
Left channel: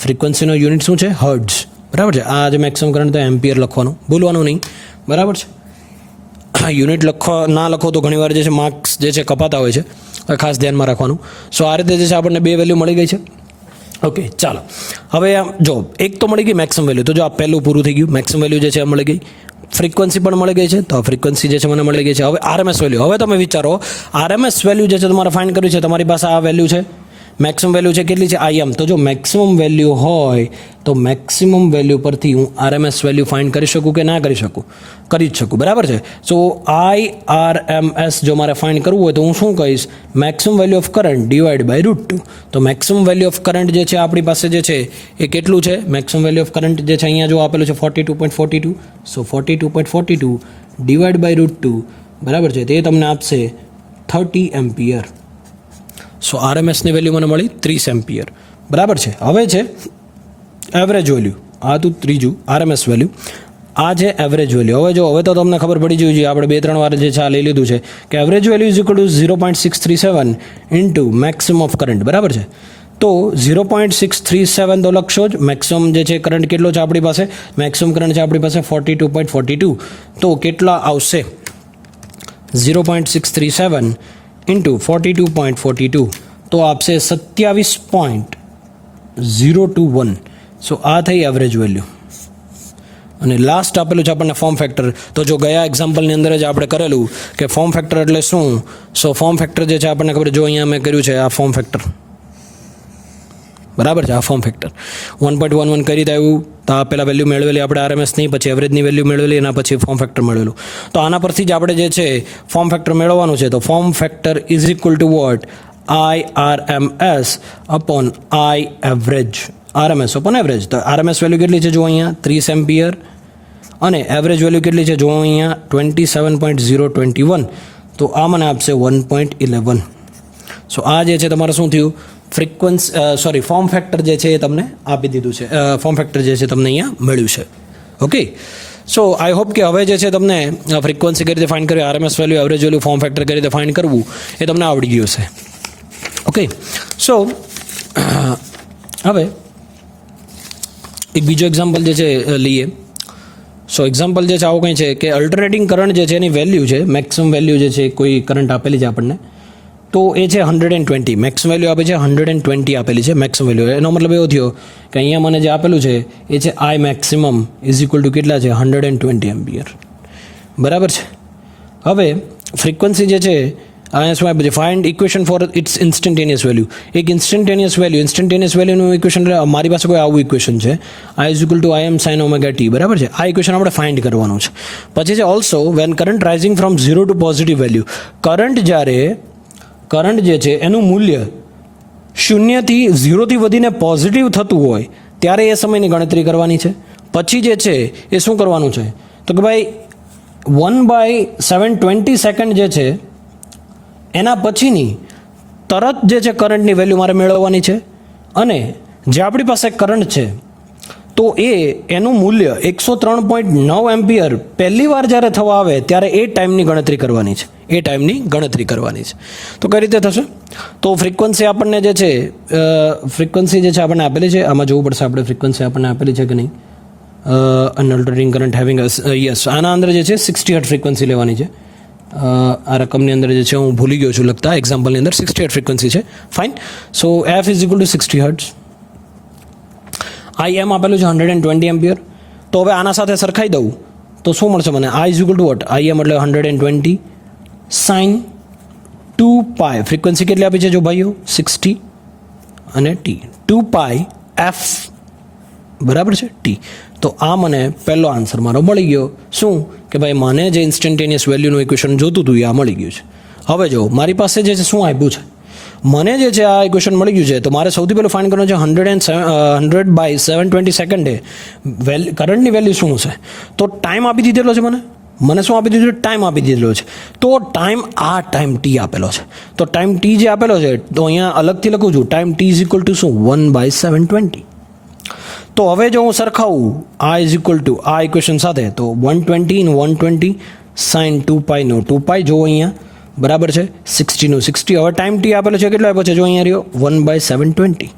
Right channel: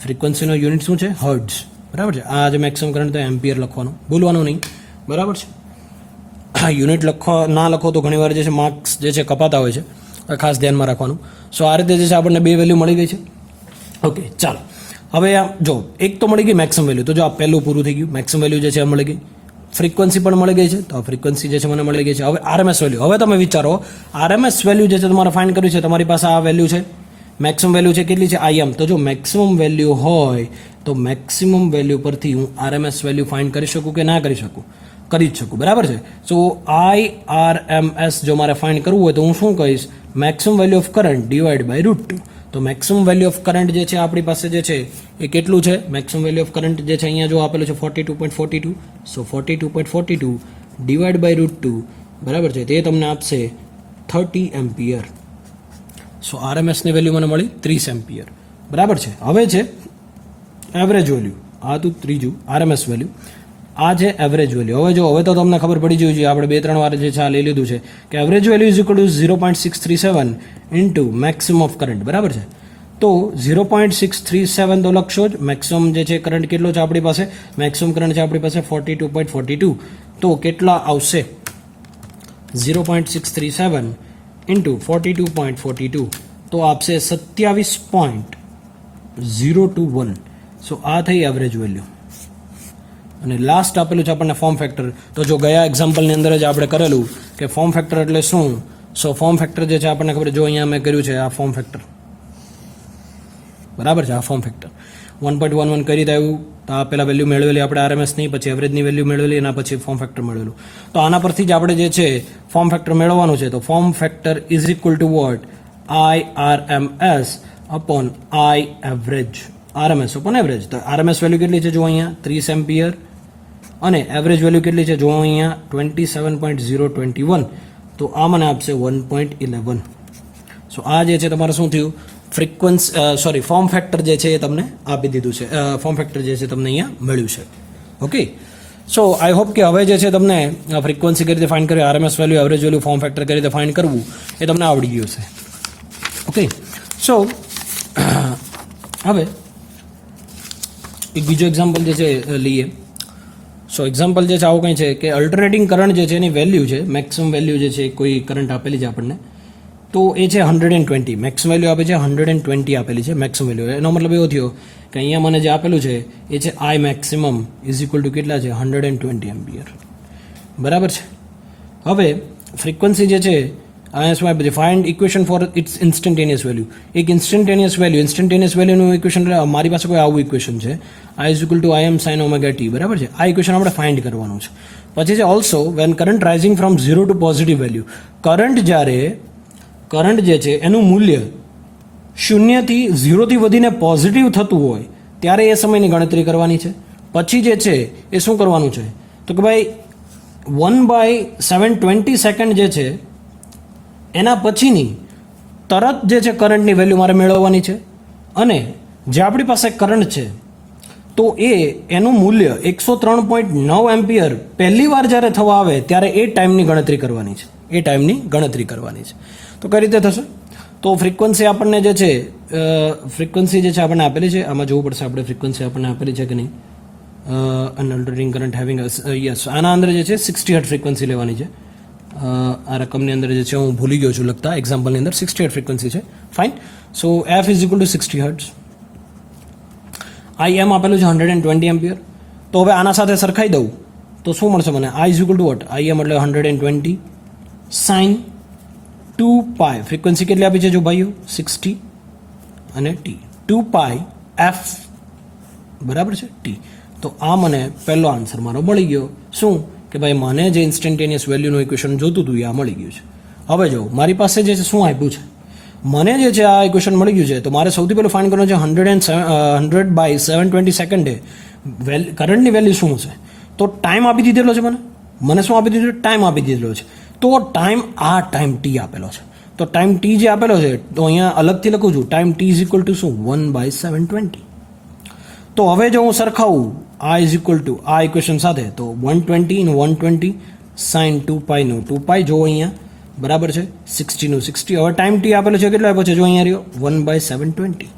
ફ્રીક્વન્સીનો યુનિટ શું છે, હર્ટ્ઝ બરાબર છે. આ જે મેક્સિમમ કરંટ તો એમ્પિયર લખવાનું ભૂલવાનું નહીં બરાબર છે. યુનિટ ના લખો તો ઘણીવાર જે છે માર્ક્સ જે છે કપાતા હોય છે, ખાસ ધ્યાનમાં રાખવાનું. સો આ રીતે જે છે આપણને બે વેલ્યુ મળી ગઈ છે. ઓકે ચાલો હવે જો એક તો મળી ગઈ મેક્સિમમ વેલ્યુ. તો જો આ પહેલું પૂરું થઈ ગયું, મેક્સિમમ વેલ્યુ જે છે આ મળી ગઈ, ફ્રીક્વન્સી પણ મળી ગઈ છે. તો ફ્રીક્વન્સી જે છે મને મળી ગઈ છે. હવે RMS વેલ્યુ. હવે તમે વિચારો RMS વેલ્યુ જે છે તમારે ફાઇન્ડ કર્યું છે, તમારી પાસે આ વેલ્યુ છે, મેક્સિમમ વેલ્યુ છે કેટલી છે, IM. તો જો મેક્સિમમ વેલ્યુ હોય તો મેક્સિમમ વેલ્યુ પરથી હું RMS વેલ્યુ ફાઇન્ડ કરી શકું કે ના કરી શકું? કરી જ શકું બરાબર છે. સો IRMS જો મારે ફાઇન્ડ કરવું હોય તો હું શું કહીશ, maximum value of current divide by √2. તો મેક્સિમમ વેલ્યુ ઓફ કરંટ જે છે આપણી પાસે જે છે એ કેટલું છે, મેક્સિમમ વેલ્યુ ઓફ કરંટ જે છે અહીંયા જો આપેલું છે 42.42. સો 42.42 ડિવાઈડ બાય √2 બરાબર છે, તે તમને આપશે 30 એમ્પિયર. સો RMSની વેલ્યુ મને મળી 30 એમ્પિયર બરાબર છે. હવે છે એવરેજ વેલ્યુ. આ હતું ત્રીજું RMS વેલ્યુ. આ છે એવરેજ વેલ્યુ. હવે તો તમને ખબર પડી જવી જોઈએ, આપણે 2-3 વાર જે છે આ લઈ લીધું છે કે average value is equal two 0.637 into maximum of current બરાબર છે. તો 0.637 તો લખશો જ. મેક્સિમમ જે છે કરંટ કેટલો છે આપણી પાસે, મેક્સિમમ કરંટ છે આપણી પાસે 42.42. તો કેટલા આવશે, 0.637 ઇન્ટુ 42.42 તો આપશે 27.021. સો આ થઈ એવરેજ વેલ્યુ. અને લાસ્ટ આપેલું છે આપણને ફોર્મ ફેક્ટર. તો જો ગયા એક્ઝામ્પલની અંદર જ આપણે કરેલું કે ફોર્મ ફેક્ટર એટલે શું. સો ફોર્મ ફેક્ટર જે છે આપણને ખબર, જો અહીંયા મેં કર્યું છે આ ફોર્મ ફેક્ટર બરાબર છે. આ ફોર્મ ફેક્ટર 1.11 કઈ રીતે આવ્યું, તો આ પહેલાં વેલ્યુ મેળવેલી આપણે RMS નહીં, પછી એવરેજની વેલ્યુ મેળવેલી, એના પછી ફોર્મ ફેક્ટર મેળવેલું. તો આના પરથી જ આપણે જે છે ફોર્મ ફેક્ટર મેળવવાનું છે. તો form factor is equal to what, IRMS upon I average. RMS upon average. તો RMS વેલ્યુ કેટલી છે જો અહીંયા 30 એમ્પિયર, અને એવરેજ વેલ્યુ કેટલી છે જો અહીંયા 27.021. તો આ મને આપશે 1.11. સો આ જે છે તમારે શું થયું, ફોર્મ ફેક્ટર જે છે એ તમને આપી દીધું છે. ફોર્મ ફેક્ટર જે છે તમને અહીંયા મળ્યું છે. ઓકે સો આઈ હોપ કે હવે જે છે તમને ફ્રીક્વન્સી કઈ રીતે ફાઇન્ડ કરવી, RMS value, average value, form factor કઈ રીતે ફાઇન્ડ કરવું એ તમને આવડી ગયું છે. ઓકે સો હવે એક બીજો એક્ઝામ્પલ જે છે લઈએ. સો એક્ઝામ્પલ જે છે આવું કંઈ છે કે અલ્ટરનેટિંગ કરંટ જે છે એની વેલ્યુ છે, મેક્સિમમ વેલ્યુ જે છે કોઈ કરંટ આપેલી છે આપણને, તો એ છે 120. મેક્સિમમ વેલ્યુ આપે છે 120 આપેલી છે મેક્સિમમ વેલ્યુ. એનો મતલબ એવો થયો કે અહીંયા મને જે આપેલું છે એ છે આઈ મેક્સિમમ ઇઝ ઇક્વલ ટુ કેટલા છે 120 એમ્પિયર. બરાબર છે. હવે ફ્રીક્વન્સી જે છે અહીંયા શું આપે છે, find equation for its instantaneous value. એક ઇન્સ્ટન્ટેનિયસ વેલ્યુનું ઇક્વેશન, મારી પાસે કોઈ આવું ઇક્વેશન છે, I is equal to I M sine omega T. બરાબર છે. આ ઇક્વેશન આપણે ફાઇન્ડ કરવાનું છે. પછી છે also when current rising from 0 to positive value. Current જે છે એનું મૂલ્ય 0 થી વધીને પોઝિટિવ થતું હોય ત્યારે એ સમયની ગણતરી કરવાની છે. પછી જે છે એ શું કરવાનું છે તો કે ભાઈ 1/720 સેકન્ડ જે છે એના પછીની તરત જે છે કરંટની વેલ્યુ મારે મેળવવાની છે. અને જે આપણી પાસે કરંટ છે તો એનું મૂલ્ય 103.9 એમ્પિયર પહેલી વાર જ્યારે થવા આવે ત્યારે એ ટાઈમની ગણતરી કરવાની છે. તો કઈ રીતે થશે? તો ફ્રીક્વન્સી આપણને જે છે આપણને આપેલી છે. આમાં જોવું પડશે આપણે ફ્રીક્વન્સી આપણને આપેલી છે કે નહીં. અનઅલ્ટરિંગ કરંટ હેવિંગ યસ, આના અંદર જે છે 60 હર્ટ્ઝ ફ્રીક્વન્સી લેવાની છે. આ રકમની અંદર જે છે હું ભૂલી ગયો છું લખતા, એક્ઝામ્પલની અંદર 60 હર્ટ્ઝ ફ્રીક્વન્સી છે. Fine. So F is equal to 60 hertz. I M આપેલું છે 120 એમ્પિયર. તો હવે આના સાથે સરખાઈ દઉં તો શું મળશે મને? I is equal to what? I M એટલે 120 સાઇન 2π. ફ્રીક્વન્સી કેટલી આપી છે જો ભાઈઓ? 60 અને ટી. 2π એફ બરાબર છે ટી. તો આ મને પહેલો આન્સર મારો મળી ગયો. શું કે ભાઈ મને જે ઇન્સ્ટન્ટેનિયસ વેલ્યુનું ઇક્વેશન જોતું હતું એ આ મળી ગયું છે. હવે જો મારી પાસે જે છે શું આપ્યું છે, મને જે છે આ ઇક્વેશન મળી ગયું છે. તો મારે સૌથી પહેલું ફાઇન્ડ કરવાનું છે 100/720 સેકન્ડે કરંટની વેલ્યુ શું છે. તો ટાઈમ આપી દીધેલો છે મને શું આપી દીધું છે? ટાઈમ આપી દીધેલો છે. તો ટાઈમ ટી આપેલો છે. તો ટાઈમ ટી જે આપેલો છે તો અહીંયા અલગથી લખું છું, time T is equal two શું? 1/720. તો હવે જો હું સરખાવું આ ઇઝ ઇક્વલ ટુ આ ઇક્વેશન સાથે, તો 120 સાઇન 2π નો 2π જો અહીંયા બરાબર છે, 60 નું 60. હવે ટાઈમ ટી આપેલો છે, કેટલો આપ્યો છે જો અહીંયા રહ્યો 1/720.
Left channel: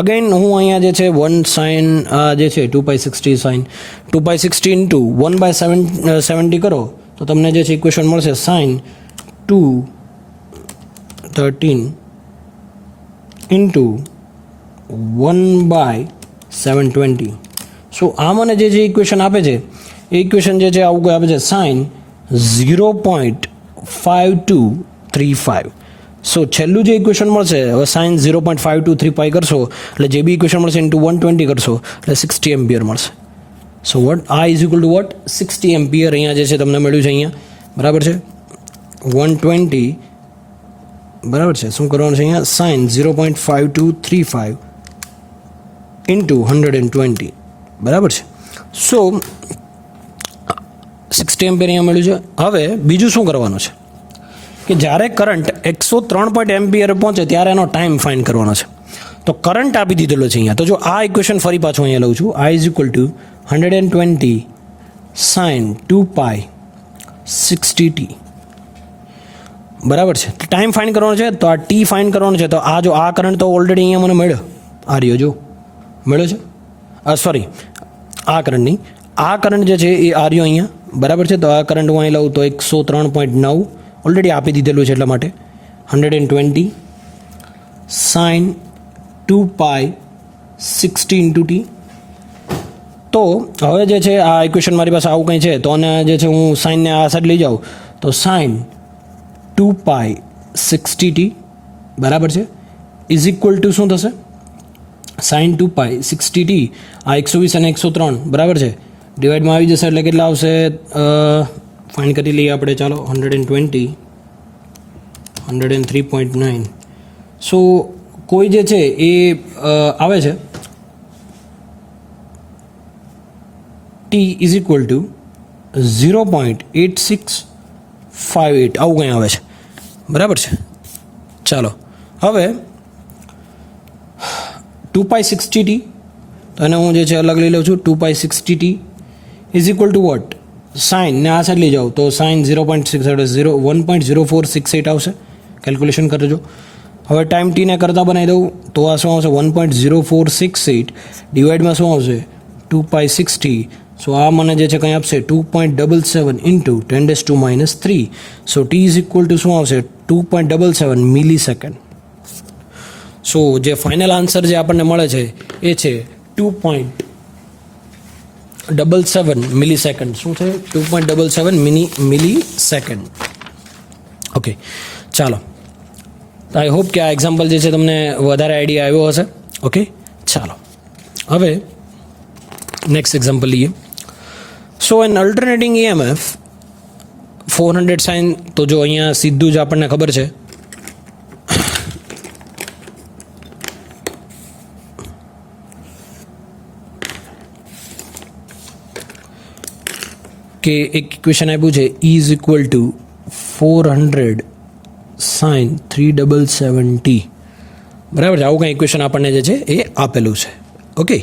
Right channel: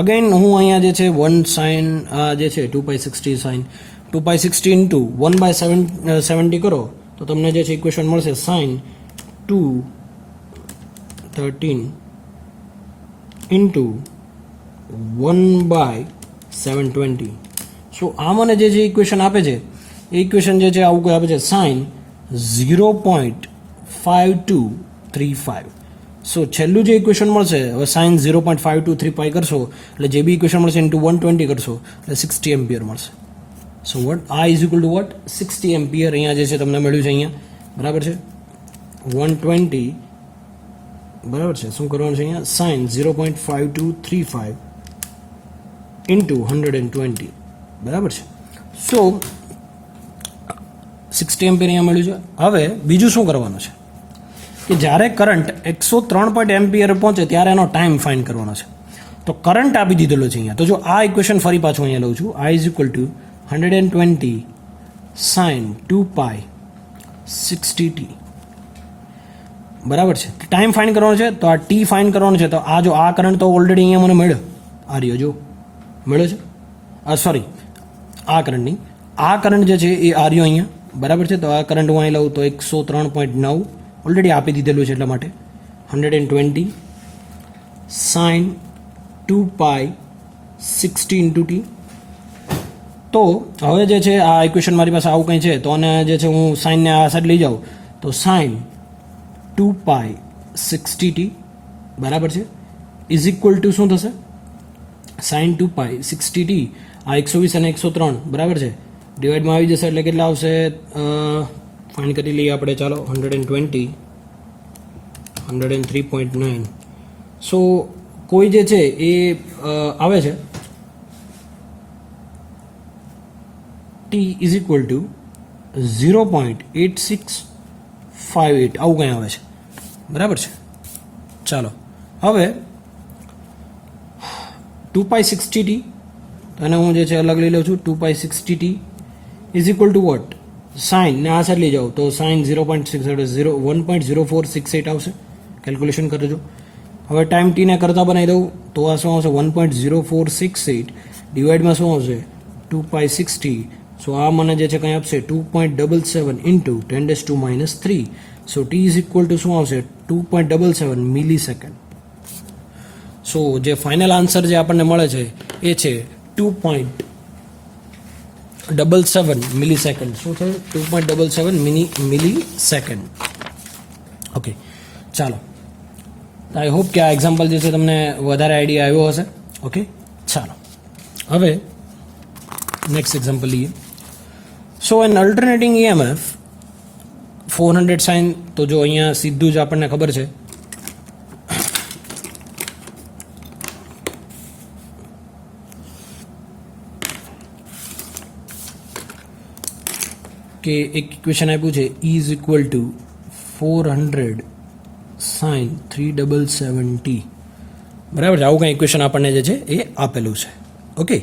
અગેન હું અહીંયા જે છે 1 સાઇન જે છે 2π60 સાઇન 2π60 ઇન્ટુ 1/770 કરો તો તમને જે છે ઇક્વેશન મળશે સાઇન 213 ઇન્ટુ 1/720. સો આ મને જે ઇક્વેશન આપે છે એ ઇક્વેશન જે છે આવું આપે છે સાઇન 0.5235. સો છેલ્લું જે ઇક્વેશન મળશે, હવે સાઇન 0.5235 કરશો એટલે જે બી ઇક્વેશન મળશે ઇન્ટુ 120 કરશો એટલે 60 એમ્પિયર મળશે. સો વોટ આ is equal to what 60 ampere અહીંયા જે છે તમને મળ્યું છે અહીંયા બરાબર છે. 120 બરાબર છે. શું કરવાનું છે અહીંયા? સાઇન 0.5235 ઇન્ટુ 120 બરાબર છે. સો 60 એમ્પિયર અહીંયા મળ્યું છે. હવે બીજું શું કરવાનું છે કે જ્યારે કરંટ 103 એમ્પિયર પહોંચે ત્યારે એનો ટાઈમ ફાઇન્ડ કરવાનો છે. તો કરંટ આપી દીધેલો છે અહીંયા. તો જો આ ઇક્વેશન ફરી પાછું અહીંયા લઉં છું, I is equal to 120 sine 2π 60t બરાબર છે. ટાઈમ ફાઇન્ડ કરવાનો છે તો આ ટી ફાઇન્ડ કરવાનો છે. તો આ જો આ કરંટ તો ઓલરેડી અહીંયા મને મળ્યો, આ રહ્યો જો મળ્યો છે. સોરી આ કરંટ નહીં, આ કરંટ જે છે એ આ રહ્યો અહીંયા બરાબર છે. તો આ કરંટ હું અહીં લઉં તો 103.9 ઓલરેડી આપી દીધેલું છે એટલા માટે 120 સાઇન 2π 60 ઇન્ટુ ટી. તો હવે જે છે આ ઇક્વેશન મારી પાસે આવું કંઈ છે તો આને જે છે હું સાઇનને આ સાઈડ લઈ જાઉં તો સાઇન 2π 60t બરાબર છે ઇઝ ઇક્વલ ટુ શું થશે? સાઇન 2π 60t આ 120 અને 103 બરાબર છે ડિવાઈડમાં આવી જશે એટલે કેટલા આવશે? ફાઇન્ડ કરી લઈએ આપણે, ચાલો 120 103.9. સો કોઈ જે છે એ આવે છે ટી ઇઝ ઇક્વલ ટુ 0.8658 આવું કંઈ આવે છે બરાબર છે. ચાલો હવે 2π60t તો એને હું જે છે અલગ લઈ લઉં છું. 2π60t is equal to what? Sine ને આ સાઈડ લઈ જાઓ તો સાઇન 1.0468 આવશે. કેલ્ક્યુલેશન કરજો. હવે ટાઈમ ટીને કરતાં બનાવી દઉં તો આ શું આવશે 1.0468 ડિવાઈડમાં શું આવશે 2π60. સો આ મને જે છે કંઈ આપશે 2.77 into 10⁻³ so T is equal two શું આવશે 2.77 મિલીસેકન્ડ. સો જે ફાઇનલ આન્સર જે આપણને મળે છે એ છે 2.77 મિલીસેકન્ડ. શું થયું 2.77 મિલીસેકન્ડ. ઓકે ચાલો, આઈ હોપ કે આ એક્ઝામ્પલ જે છે તમને વધારે આઈડિયા આવ્યો હશે. ઓકે ચાલો, હવે નેક્સ્ટ એક્ઝામ્પલ લઈએ. સો એન અલ્ટરનેટિંગ EMF 400 sin, તો જો અહીંયા સીધું જ આપણને ખબર છે કે એક ઇક્વેશન આપ્યું છે E is equal two 400 sin 377t. બરાબર છે, આવું કંઈ ઇક્વેશન આપણને જે છે એ આપેલું છે. ઓકે,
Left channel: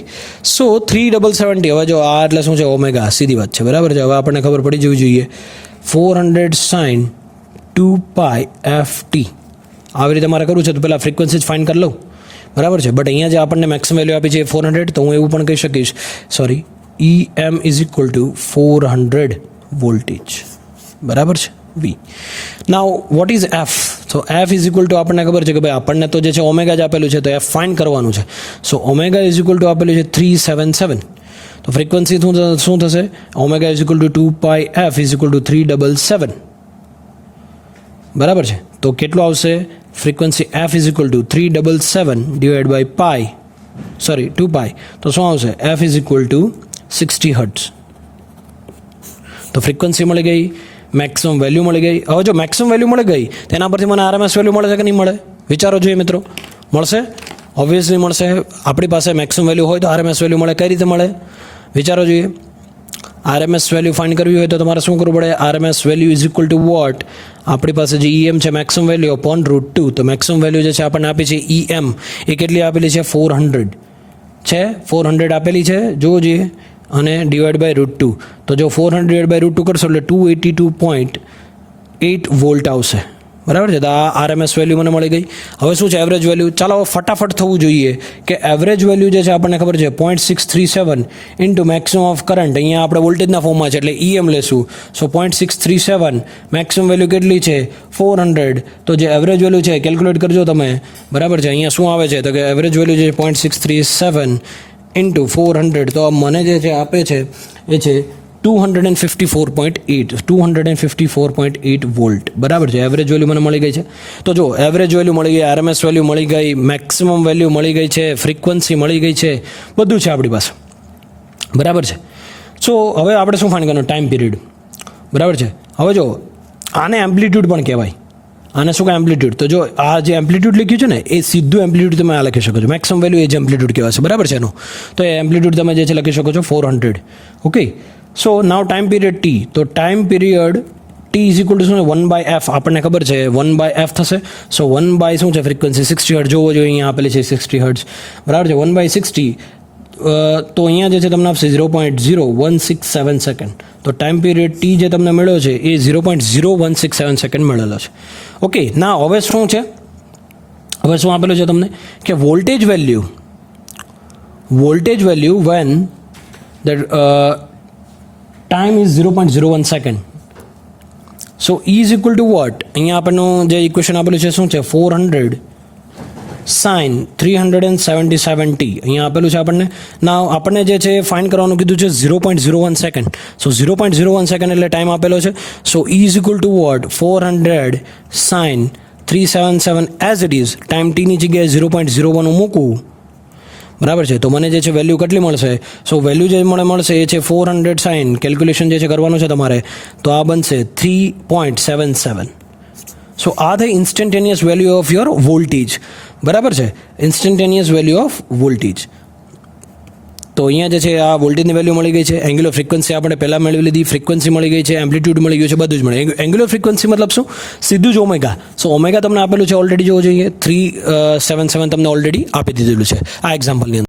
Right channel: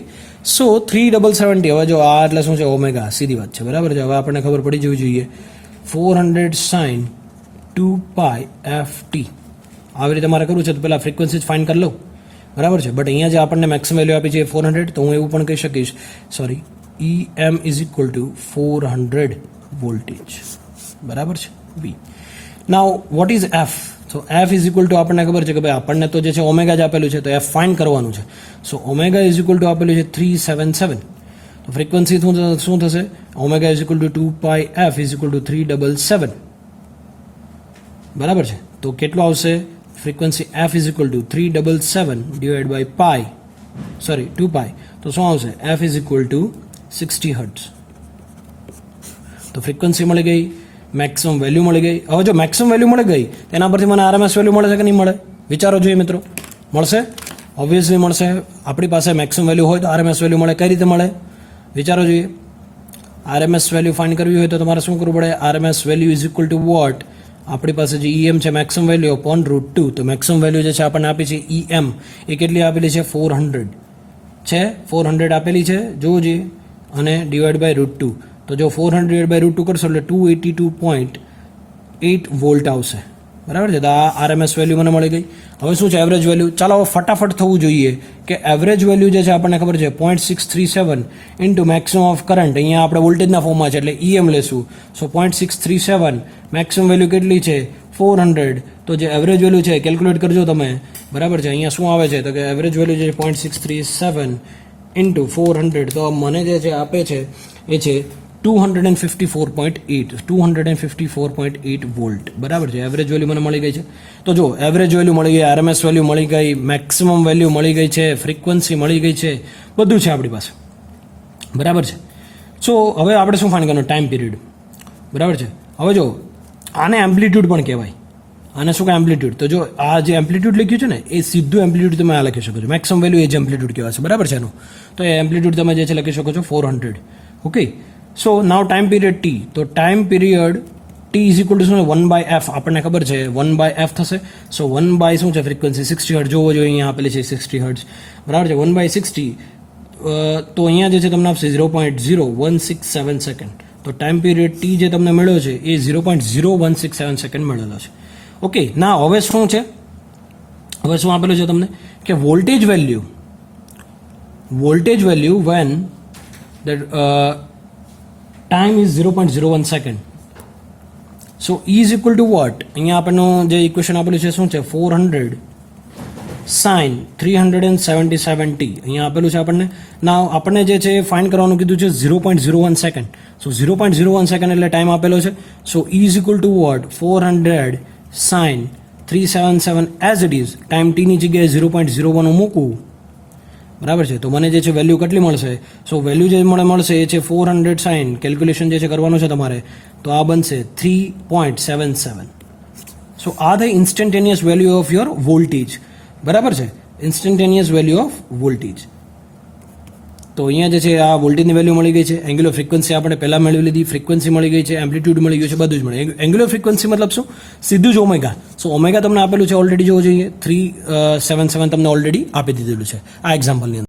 સો 377t. હવે જો આ એટલે શું છે ઓમેગા, સીધી વાત છે. બરાબર છે, હવે આપણને ખબર પડી જવી જોઈએ 400 sin 2πft. આવી રીતે મારે કરવું છે તો પહેલાં ફ્રીક્વન્સી જ ફાઇન્ડ કરી લઉં. બરાબર છે, બટ અહીંયા જે આપણને મેક્સિમમ વેલ્યુ આપી છે 400, તો હું એવું પણ કહી શકીશ, sorry, EM is equal two 400 voltage. બરાબર છે, V. Now what is F? So F is equal two આપણને ખબર છે કે ભાઈ આપણને તો જે છે ઓમેગા જ આપેલું છે, તો F ફાઇન્ડ કરવાનું છે. So omega is equal to આપેલું છે 377. તો ફ્રીક્વન્સી શું થશે? Omega is equal to 2πf is equal to 377. બરાબર છે, તો કેટલું આવશે frequency F is equal to 377 divide by 2π, તો શું આવશે F is equal to 60 hertz. તો ફ્રીક્વન્સી મળી ગઈ, મેક્સિમમ વેલ્યુ મળી ગઈ. હવે જો મેક્સિમમ વેલ્યુ મળી ગઈ તેના પરથી મને RMS વેલ્યુ મળે છે કે નહીં મળે? વિચારો જોઈએ મિત્રો. મળશે, ઓબ્વિયસલી મળશે. આપણી પાસે મેક્સિમમ વેલ્યુ હોય તો RMS વેલ્યુ મળે. કઈ રીતે મળે વિચારો જોઈએ. RMS વેલ્યુ ફાઇન્ડ કરવી હોય તો તમારે શું કરવું પડે? RMS value is equal to what? આપણી પાસે જે EM છે મેક્સિમમ વેલ્યુ અપોન √2. તો મેક્સિમમ વેલ્યુ જે છે આપણને આપી છે EM, એ કેટલી આપેલી છે? 400 છે. 400 આપેલી છે, જોવો જોઈએ, અને ડિવાઈડ બાય √2. તો જો 400 ડિવાઈડ બાય √2 કરશો એટલે 282.8 વોલ્ટ આવશે. બરાબર છે, તો આ RMS વેલ્યુ મને મળી ગઈ. હવે શું છે એવરેજ વેલ્યુ? ચાલો હવે ફટાફટ થવું જોઈએ કે એવરેજ વેલ્યુ જે છે આપણને ખબર છે 0.637 ઇન્ટુ મેક્સિમમ ઓફ કરંટ. અહીંયા આપણે વોલ્ટેજના ફોર્મમાં છે એટલે EM લેશું. સો 0.637 મેક્સિમમ વેલ્યુ કેટલી છે? 400. તો જે એવરેજ વેલ્યુ છે કેલ્ક્યુલેટ કરજો તમે. બરાબર છે, અહીંયા શું આવે છે તો કે એવરેજ વેલ્યુ જે 0.637 ઇન્ટુ 400, તો મને જે છે આપે છે એ છે 254.8 વોલ્ટ. બરાબર છે, એવરેજ વેલ્યુ મને મળી ગઈ છે. તો જો એવરેજ વેલ્યુ મળી ગઈ, RMS વેલ્યુ મળી ગઈ, મેક્સિમમ વેલ્યુ મળી ગઈ છે, ફ્રીક્વન્સી મળી ગઈ છે, બધું છે આપણી પાસે. બરાબર છે. સો હવે આપણે શું ફાઇન્ડ કરવાનું? Time period. બરાબર છે, હવે જો આને એમ્પ્લિટ્યૂડ પણ કહેવાય. આને શું કહે? એમ્પ્લિટ્યૂડ. તો જો આ જે એમ્પ્લિટ્યૂડ લખ્યું છે ને એ સીધું એમ્પ્લિટ્યૂડ તમે આ લખી શકો છો. મેક્સિમમ વેલ્યુ એ જ એમ્પ્લિટ્યૂડ કહેવાય છે. બરાબર છે એનું. તો એ એમ્પ્લિટ્યૂડ તમે જે છે લખી શકો છો 400. ઓકે, સો નાવ ટાઈમ પીરિયડ T. તો time period T is equal two શું? 1/f. આપણને ખબર છે 1/f થશે. સો 1 શું છે ફ્રીક્વન્સી? 60 હર્ટ્ઝ. જોવો જોઈએ અહીંયા આપેલી છે 60 હર્ટ્ઝ. બરાબર છે, 1/60. તો અહીંયા જે છે તમને આપશે 0.0167 સેકન્ડ. તો ટાઈમ પીરિયડ T જે તમને મળ્યો છે એ 0.0167 સેકન્ડ મળેલો છે. ઓકે, ના હવે શું છે? હવે શું આપેલું છે તમને કે voltage value when that time is 0.01 second. So E is equal to what? અહીંયા આપણનું જે ઇક્વેશન આપેલું છે શું છે? 400 sin 377t અહીંયા આપેલું છે આપણને. ના આપણને જે છે ફાઇન્ડ કરવાનું કીધું છે 0.01 સેકન્ડ. સો 0.01 સેકન્ડ એટલે ટાઈમ આપેલો છે. So E is equal to what? 400 sin 377 as it is. Time ટીની જગ્યાએ 0.01 મૂકવું. બરાબર છે, તો મને જે છે વેલ્યુ કેટલી મળશે? સો વેલ્યુ જે મળશે એ છે 400 sin, કેલ્ક્યુલેશન જે છે કરવાનું છે તમારે, તો આ બનશે 3.77. સો આ થઈ instantaneous value of your voltage. બરાબર છે, ઇન્સ્ટન્ટેનિયસ વેલ્યુ ઓફ વોલ્ટેજ. તો અહીંયા જે છે આ વોલ્ટેજની વેલ્યુ મળી ગઈ છે. એંગ્યુલર ફ્રીક્વન્સી આપણે પહેલાં મેળવી લીધી, ફ્રીક્વન્સી મળી ગઈ છે, એમ્પ્લિટ્યૂડ મળી ગયું છે, બધું જ મળે. એંગ્યુલર ફ્રીક્વન્સી મતલબ શું? સીધું જ ઓમેગા. સો ઓમેગા તમને આપેલું છે ઓલરેડી, જોવો જોઈએ 377 તમને ઓલરેડી આપી દીધેલું છે આ એક્ઝામ્પલની અંદર.